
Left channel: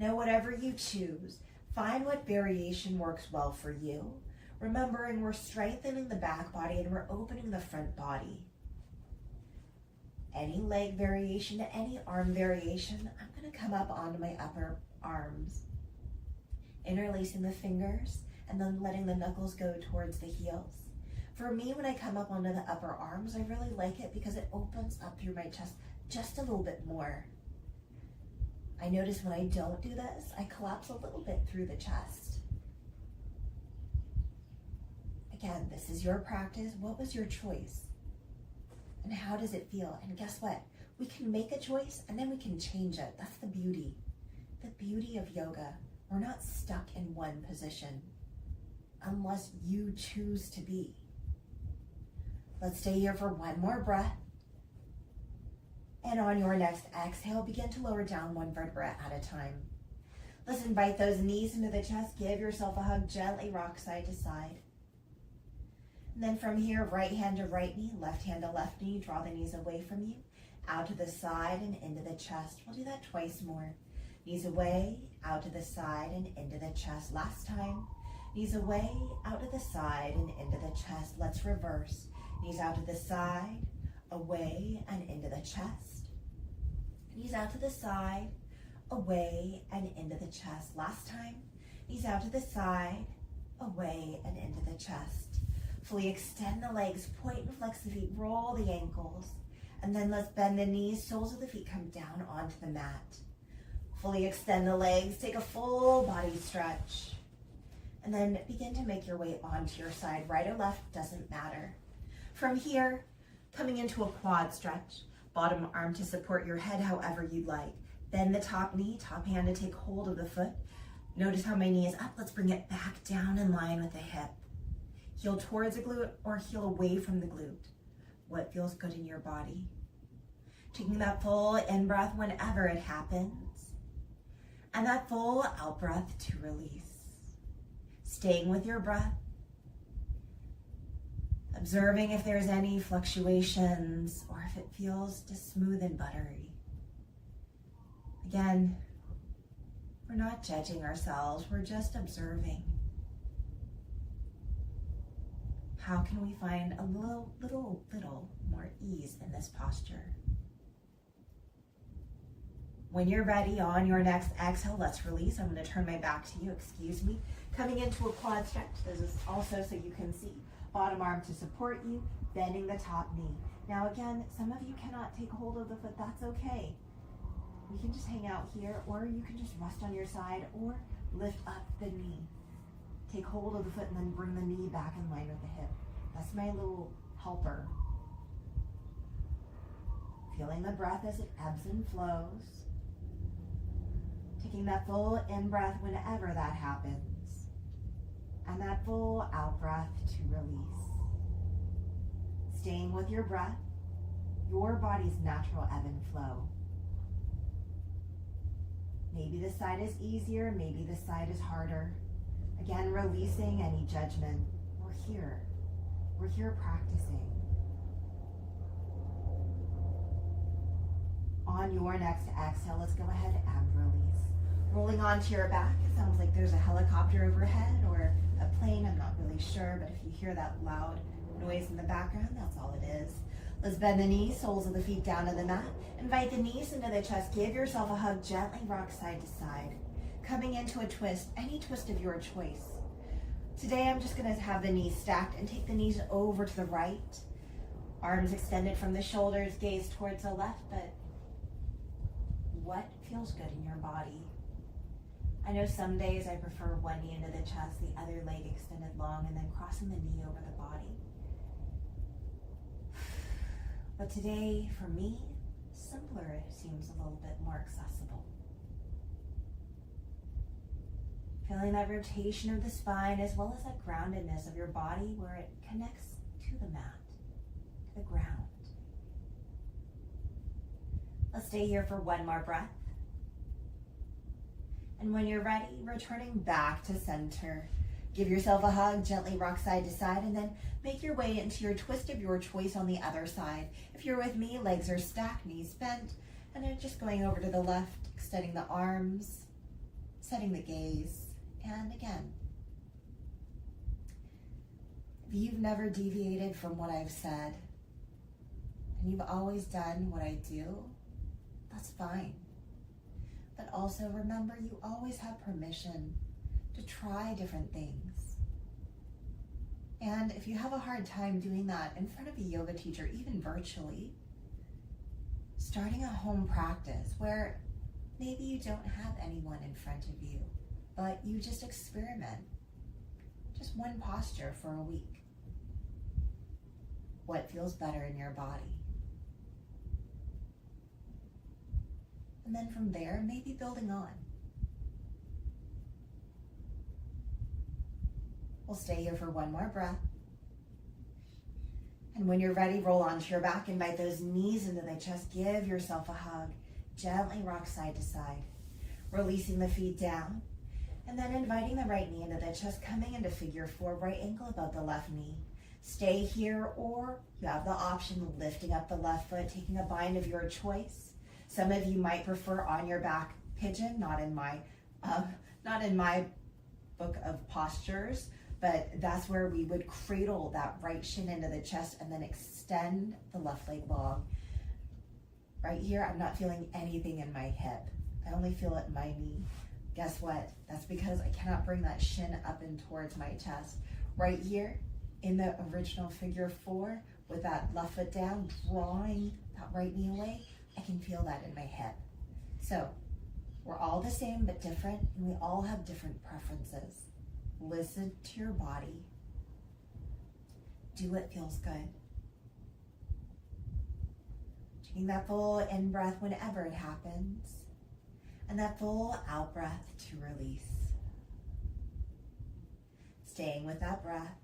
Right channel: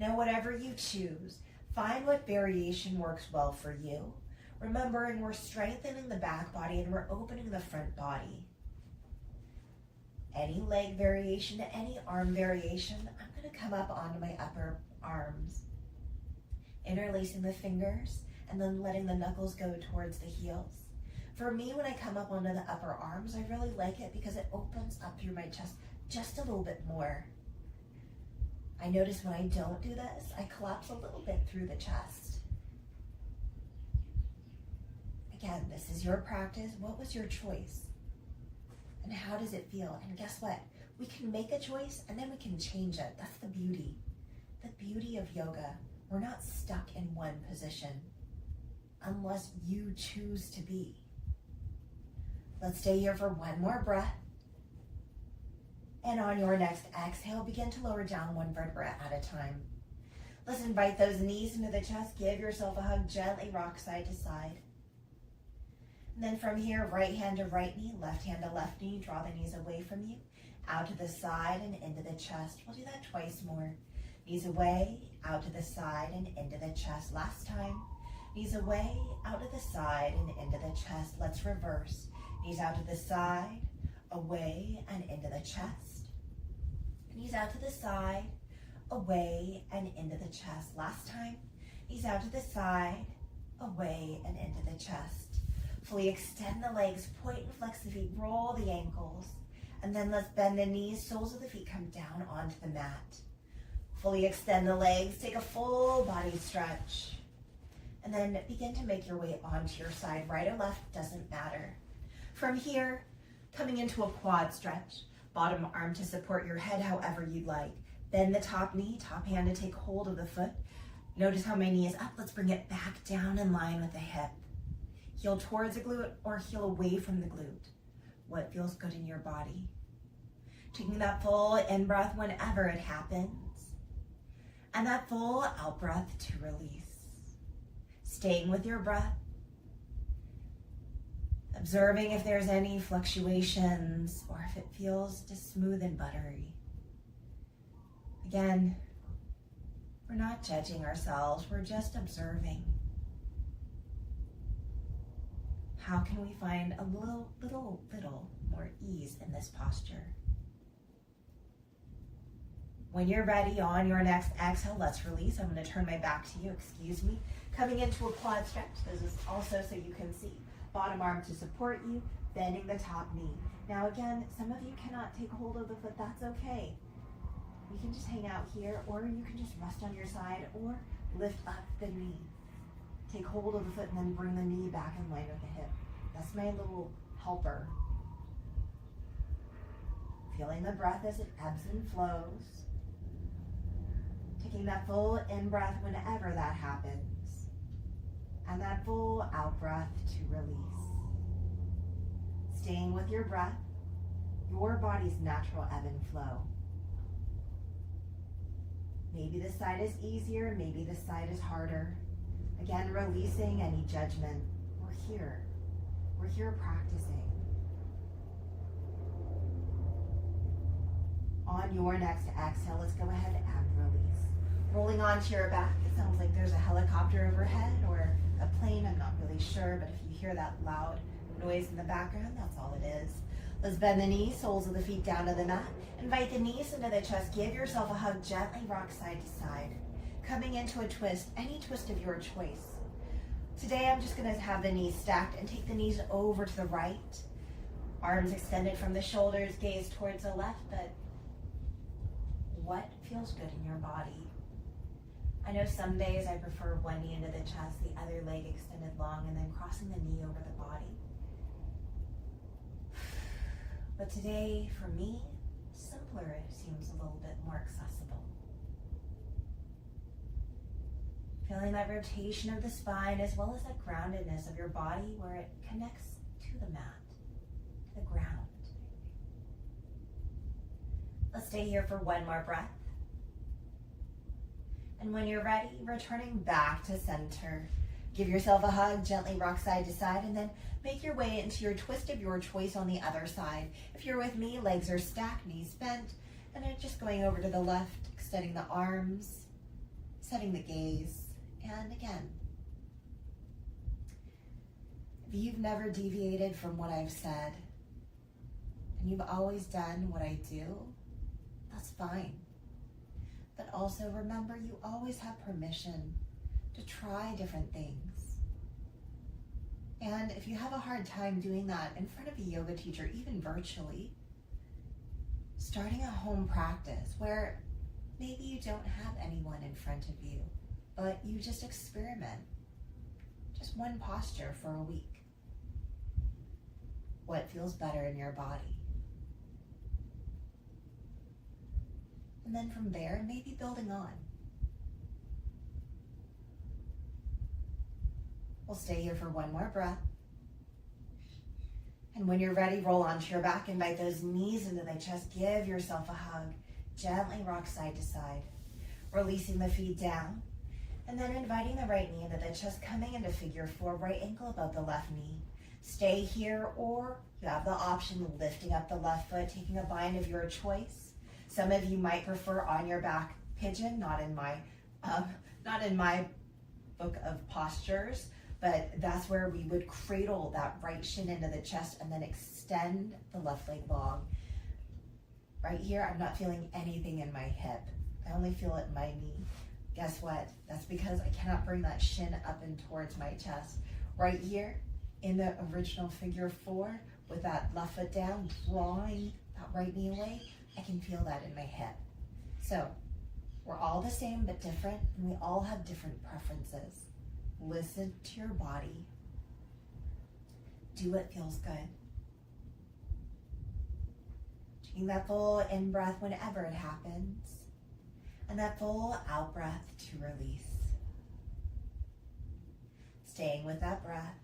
Now, whatever you choose, find what variation works well for you. Remembering we're strengthening the back body and we're opening the front body. Any leg variation to any arm variation, I'm going to come up onto my upper arms. Interlacing the fingers and then letting the knuckles go towards the heels. For me, when I come up onto the upper arms, I really like it because it opens up through my chest just a little bit more. I notice when I don't do this, I collapse a little bit through the chest. Again, this is your practice. What was your choice? And how does it feel? And guess what? We can make a choice and then we can change it. That's the beauty. The beauty of yoga. We're not stuck in one position unless you choose to be. Let's stay here for one more breath. And on your next exhale, begin to lower down one vertebra at a time. Let's invite those knees into the chest. Give yourself a hug. Gently rock side to side. And then from here, right hand to right knee, left hand to left knee. Draw the knees away from you, out to the side and into the chest. We'll do that twice more. Knees away, out to the side and into the chest. Last time. Knees away, out to the side and into the chest. Let's reverse. Knees out to the side, away and into the chest. Knees out to the side, away and into the chest. Last time. Knees out to the side, away and into the chest. Fully extend the legs, point and flex the feet, roll the ankles, and then let's bend the knees, soles of the feet come down onto the mat. Fully extend the legs, take a full body stretch, and then begin to make your way onto your side, right or left, doesn't matter. From here, coming into a quad stretch, bottom arm to support your head however you'd like. Bend the top knee, top hand to take hold of the foot. Notice how my knee is up, let's bring it back down in line with the hip. Heel towards the glute or heel away from the glute. What feels good in your body? Taking that full in-breath whenever it happens. And that full out-breath to release. Staying with your breath. Observing if there's any fluctuations or if it feels just smooth and buttery. Again, we're not judging ourselves, we're just observing. How can we find a little more ease in this posture? When you're ready, on your next exhale, let's release. I'm going to turn my back to you, excuse me. Coming into a quad stretch. This is also so you can see. Bottom arm to support you, bending the top knee. Now again, some of you cannot take hold of the foot, that's okay. You can just hang out here, or you can just rest on your side, or lift up the knee. Take hold of the foot and then bring the knee back in line with the hip. That's my little helper. Feeling the breath as it ebbs and flows. Taking that full in-breath whenever that happens. And that full out-breath to release. Staying with your breath, your body's natural ebb and flow. Maybe this side is easier, maybe this side is harder. Again, releasing any judgment. We're here. We're here practicing. On your next exhale, let's go ahead and release. Rolling onto your back. It sounds like there's a helicopter overhead or a plane. I'm not really sure, but if you hear that loud noise in the background, that's all it is. Let's bend the knees, soles of the feet down to the mat. Invite the knees into the chest. Give yourself a hug. Gently rock side to side. Coming into a twist, any twist of your choice. Today I'm just going to have the knees stacked and take the knees over to the right. Arms extended from the shoulders, gaze towards the left, but what feels good in your body? I know some days I prefer one knee into the chest, the other leg extended long, and then crossing the knee over the body. But today, for me, simpler seems a little bit more accessible. Feeling that rotation of the spine as well as that groundedness of your body where it connects to the mat, to the ground. Let's stay here for one more breath. And when you're ready, returning back to center. Give yourself a hug, gently rock side to side, and then make your way into your twist of your choice on the other side. If you're with me, legs are stacked, knees bent, and then just going over to the left, extending the arms, setting the gaze, and again. If you've never deviated from what I've said, and you've always done what I do, that's fine. But also remember, you always have permission to try different things. And if you have a hard time doing that in front of a yoga teacher, even virtually, starting a home practice where maybe you don't have anyone in front of you, but you just experiment. Just one posture for a week. What feels better in your body? And then from there, maybe building on. We'll stay here for one more breath. And when you're ready, roll onto your back. Invite those knees into the chest. Give yourself a hug. Gently rock side to side. Releasing the feet down. And then inviting the right knee into the chest, coming into figure four, right ankle above the left knee. Stay here, or you have the option of lifting up the left foot, taking a bind of your choice. Some of you might prefer on your back pigeon, not in my book of postures, but that's where we would cradle that right shin into the chest and then extend the left leg long. Right here, I'm not feeling anything in my hip. I only feel it in my knee. Guess what? That's because I cannot bring that shin up and towards my chest. Right here, in the original figure four, with that left foot down, drawing that right knee away, I can feel that in my hip. So, we're all the same but different, and we all have different preferences. Listen to your body. Do what feels good. Taking that full in-breath whenever it happens, and that full out-breath to release. Staying with that breath.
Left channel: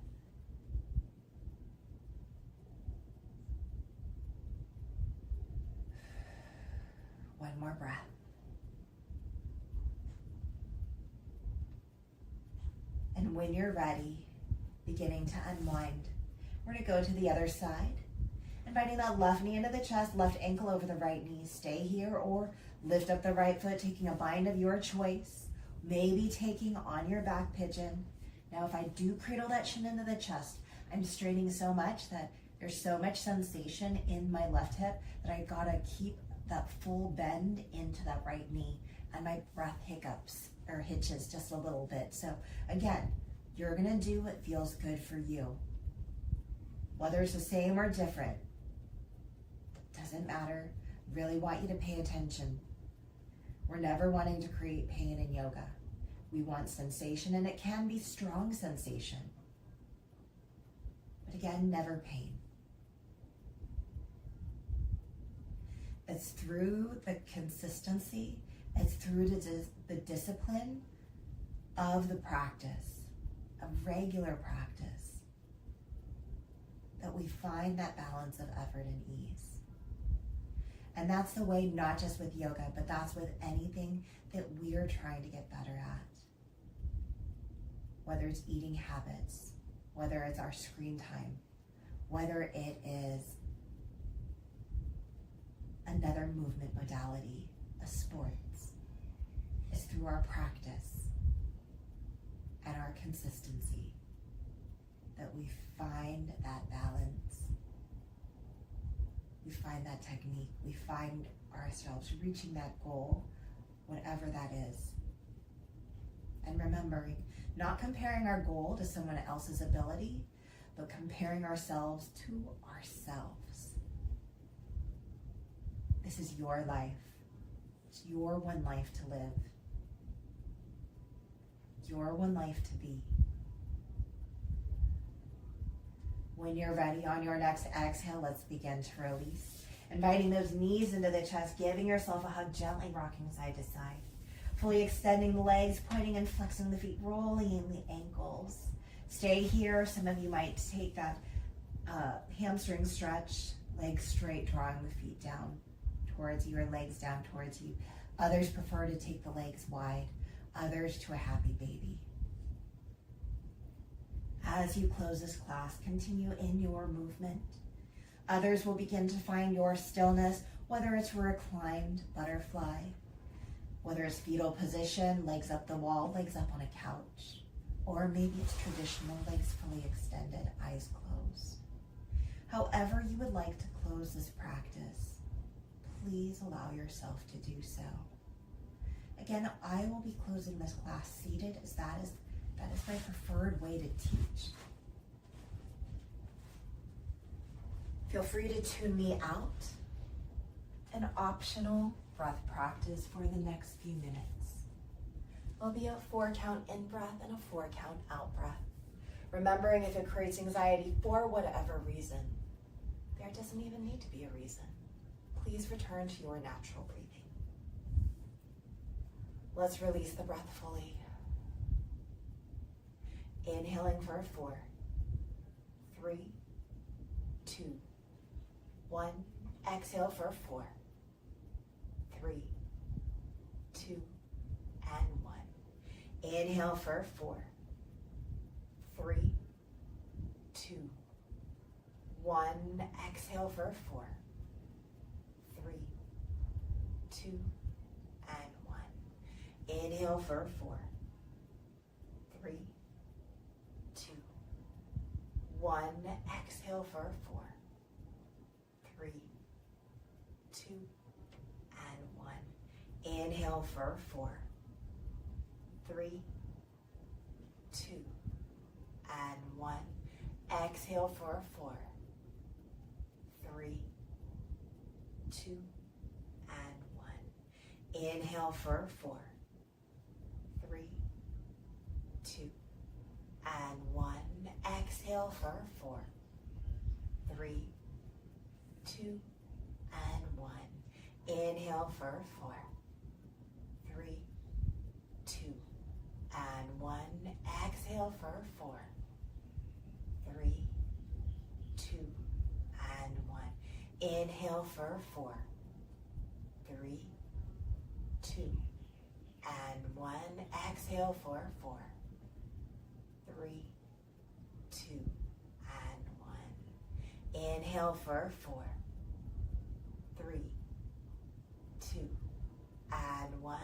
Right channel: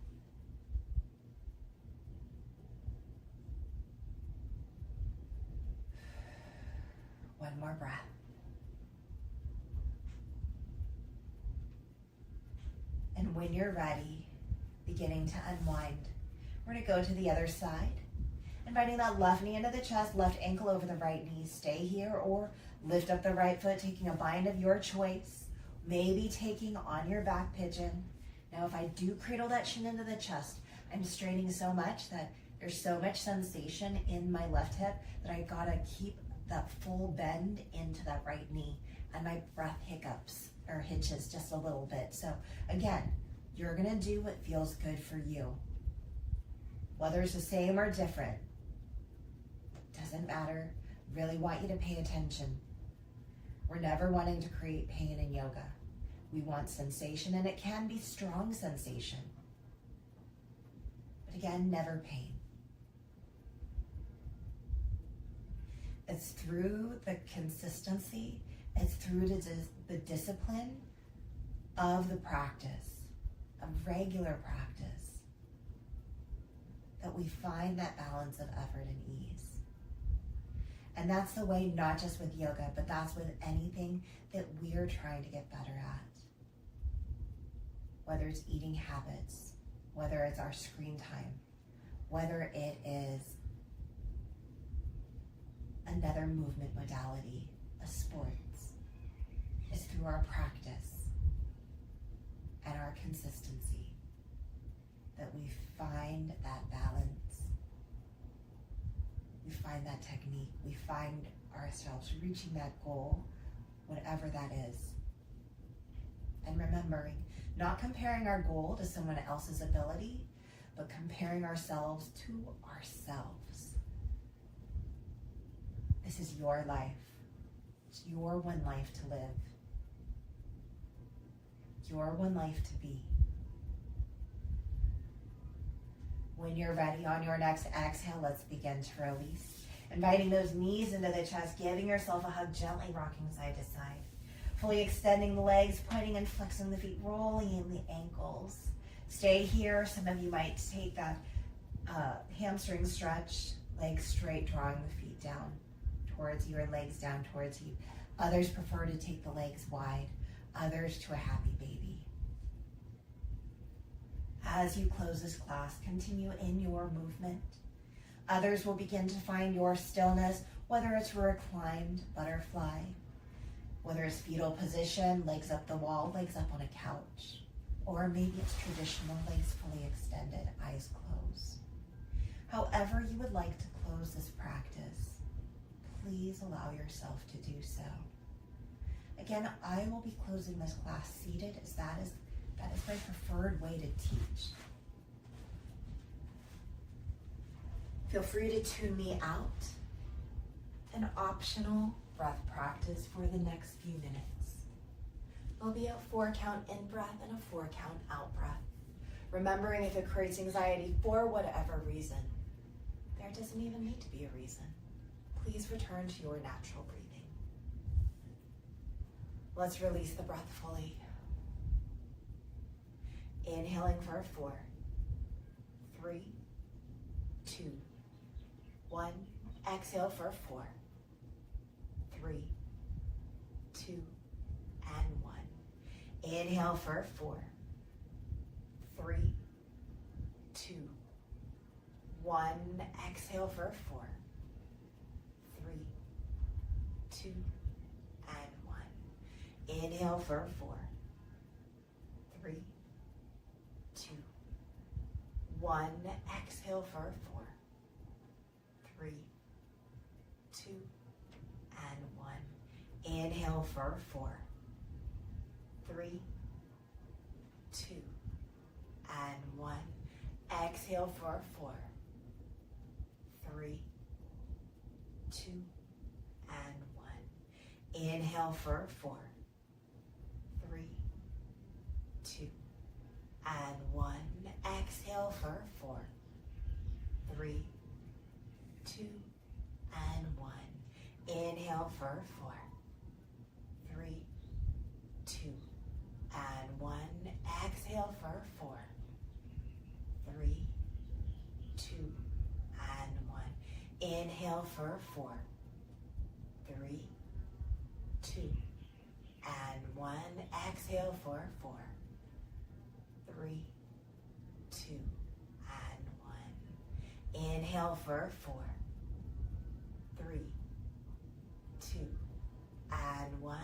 One more breath. And when you're ready, beginning to unwind, we're going to go to the other side. Inviting that left knee into the chest, left ankle over the right knee. Stay here or lift up the right foot, taking a bind of your choice. Maybe taking on your back pigeon. Now, if I do cradle that shin into the chest, I'm straining so much that there's so much sensation in my left hip that I gotta keep that full bend into that right knee, and my breath hiccups or hitches just a little bit. So again, you're gonna do what feels good for you. Whether it's the same or different, doesn't matter. Really want you to pay attention. We're never wanting to create pain in yoga. We want sensation, and it can be strong sensation. But again, never pain. It's through the consistency, it's through the discipline of the practice, of regular practice, that we find that balance of effort and ease. And that's the way, not just with yoga, but that's with anything that we are trying to get better at. Whether it's eating habits, whether it's our screen time, whether it is another movement modality, a sports. It's through our practice and our consistency that we find that balance. We find that technique. We find ourselves reaching that goal, whatever that is. And remembering, not comparing our goal to someone else's ability, but comparing ourselves to ourselves. This is your life. It's your one life to live. Your one life to be. When you're ready, on your next exhale, let's begin to release. Inviting those knees into the chest, giving yourself a hug, gently rocking side to side. Fully extending the legs, pointing and flexing the feet, rolling in the ankles. Stay here. Some of you might take that hamstring stretch, legs straight, drawing the feet down towards you, or legs down towards you. Others prefer to take the legs wide, others to a happy baby. As you close this class, continue in your movement. Others will begin to find your stillness, whether it's reclined butterfly, whether it's fetal position, legs up the wall, legs up on a couch, or maybe it's traditional, legs fully extended, eyes closed. However you would like to close this practice, please allow yourself to do so. Again, I will be closing this class seated, as that is my preferred way to teach. Feel free to tune me out. An optional breath practice for the next few minutes. There'll be a 4-count in-breath and a 4-count out-breath. Remembering, if it creates anxiety for whatever reason, there doesn't even need to be a reason. Please return to your natural breathing. Let's release the breath fully. Inhaling for 4, 3, 2, 1. Exhale for 4, 3, 2, and 1. Inhale for 4, 3, 2, 1. Exhale for 4, 3, 2, and 1. Inhale for 4, 3, 2, 1. Exhale for 4, 3, 2, and 1. Inhale for 4, 3, 2, and 1. Exhale for 4, 3, 2, and 1. Inhale for 4, 3, 2, and 1. Exhale for 4, 3, 2, and 1. Inhale for 4, 3, 2, and 1. Exhale for 4, 3, 2, and 1. Inhale for 4, 3, 2, and 1. Exhale for 4, 3, 2, and 1. Inhale for 4, 3, 2, and 1.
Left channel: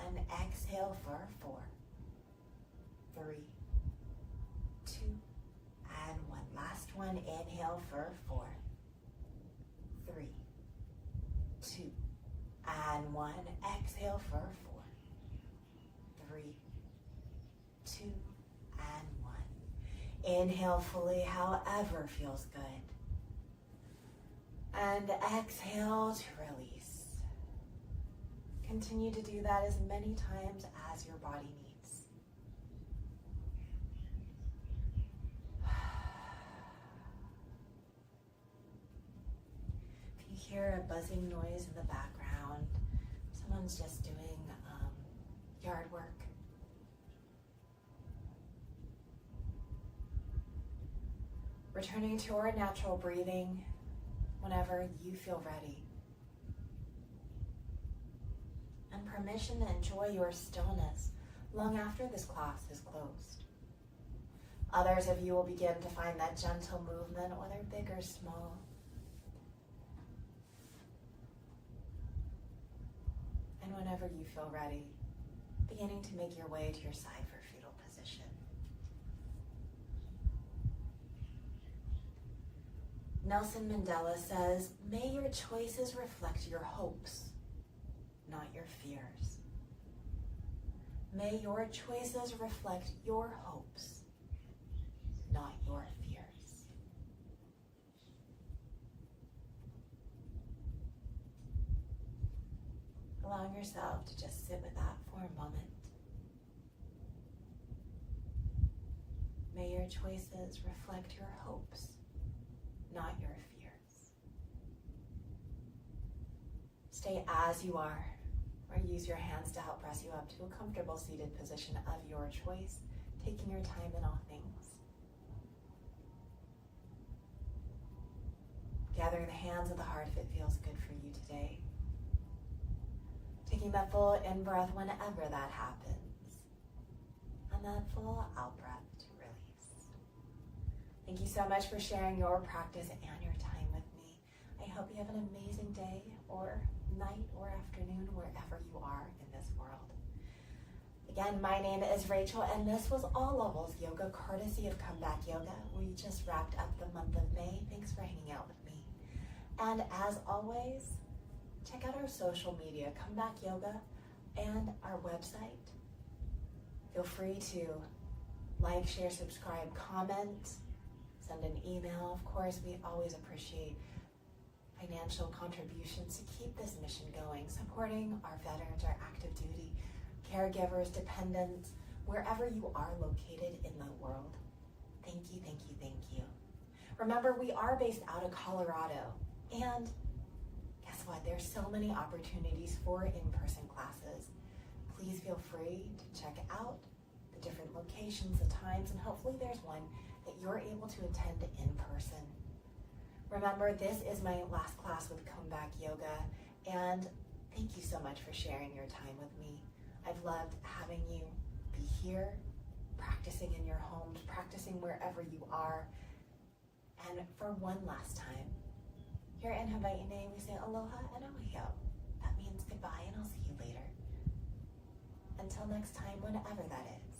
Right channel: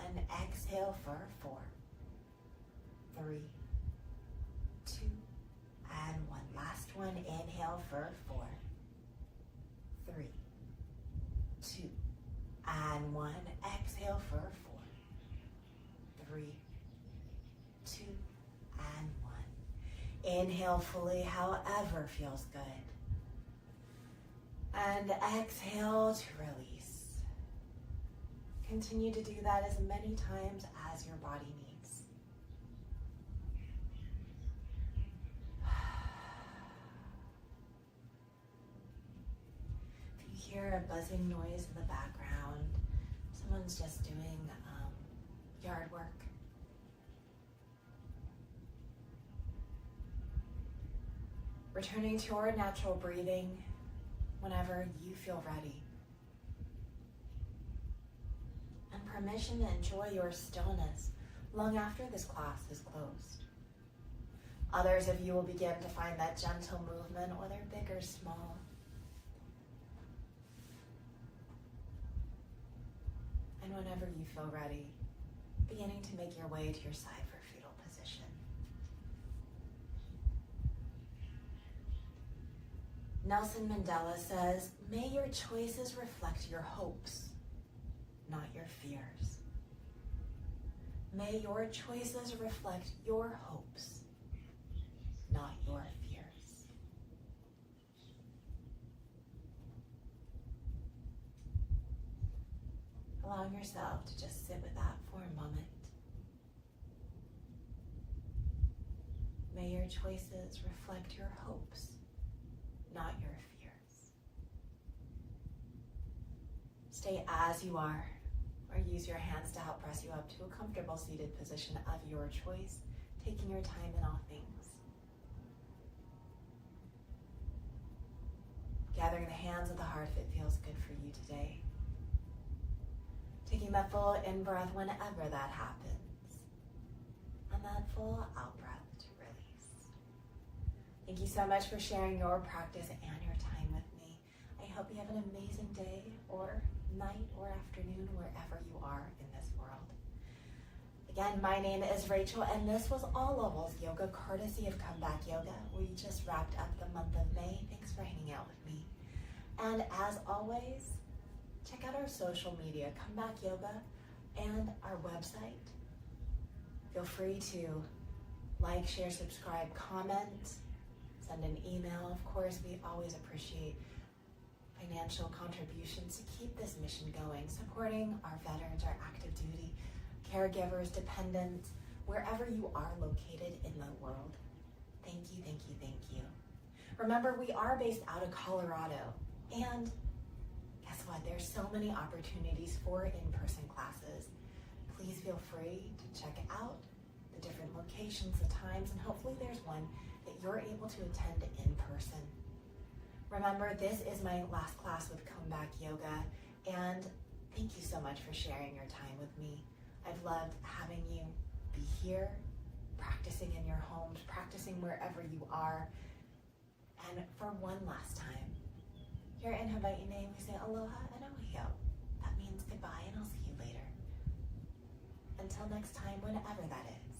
Exhale for 4, 3, 2, and 1. Last one. Inhale for 4, 3, 2, and 1. Exhale for 4, 3, 2, and 1. Inhale fully, however feels good. And exhale to release. Continue to do that as many times as your body needs. hear a buzzing noise in the background. Someone's just doing yard work. Returning to our natural breathing whenever you feel ready. And permission to enjoy your stillness long after this class is closed. Others of you will begin to find that gentle movement, whether big or small. And whenever you feel ready, beginning to make your way to your side for fetal position. Nelson Mandela says, "May your choices reflect your hopes, not your fears." May your choices reflect your hopes, not your fears. Allowing yourself to just sit with that for a moment. May your choices reflect your hopes, not your fears. Stay as you are, or use your hands to help press you up to a comfortable seated position of your choice, taking your time in all things. Gathering the hands of the heart if it feels good for you today. Taking that full in-breath whenever that happens. And that full out-breath to release. Thank you so much for sharing your practice and your time with me. I hope you have an amazing day or night or afternoon wherever you are in this world. Again, my name is Rachel, and this was All Levels Yoga, courtesy of Comeback Yoga. We just wrapped up the month of May. Thanks for hanging out with me. And as always, check out our social media, Comeback Yoga, and our website. Feel free to like, share, subscribe, comment, send an email. Of course, we always appreciate financial contributions to keep this mission going, supporting our veterans, our active duty, caregivers, dependents, wherever you are located in the world. Thank you, thank you, thank you. Remember, we are based out of Colorado, and guess what? There's so many opportunities for in-person classes. Please feel free to check out the different locations, the times, and hopefully there's one that you're able to attend in person. Remember, this is my last class with Comeback Yoga, and thank you so much for sharing your time with me. I've loved having you be here, practicing in your homes, practicing wherever you are. And for one last time, here in Hawaii, we say aloha and ohio. That means goodbye, and I'll see you later. Until next time, whenever that is.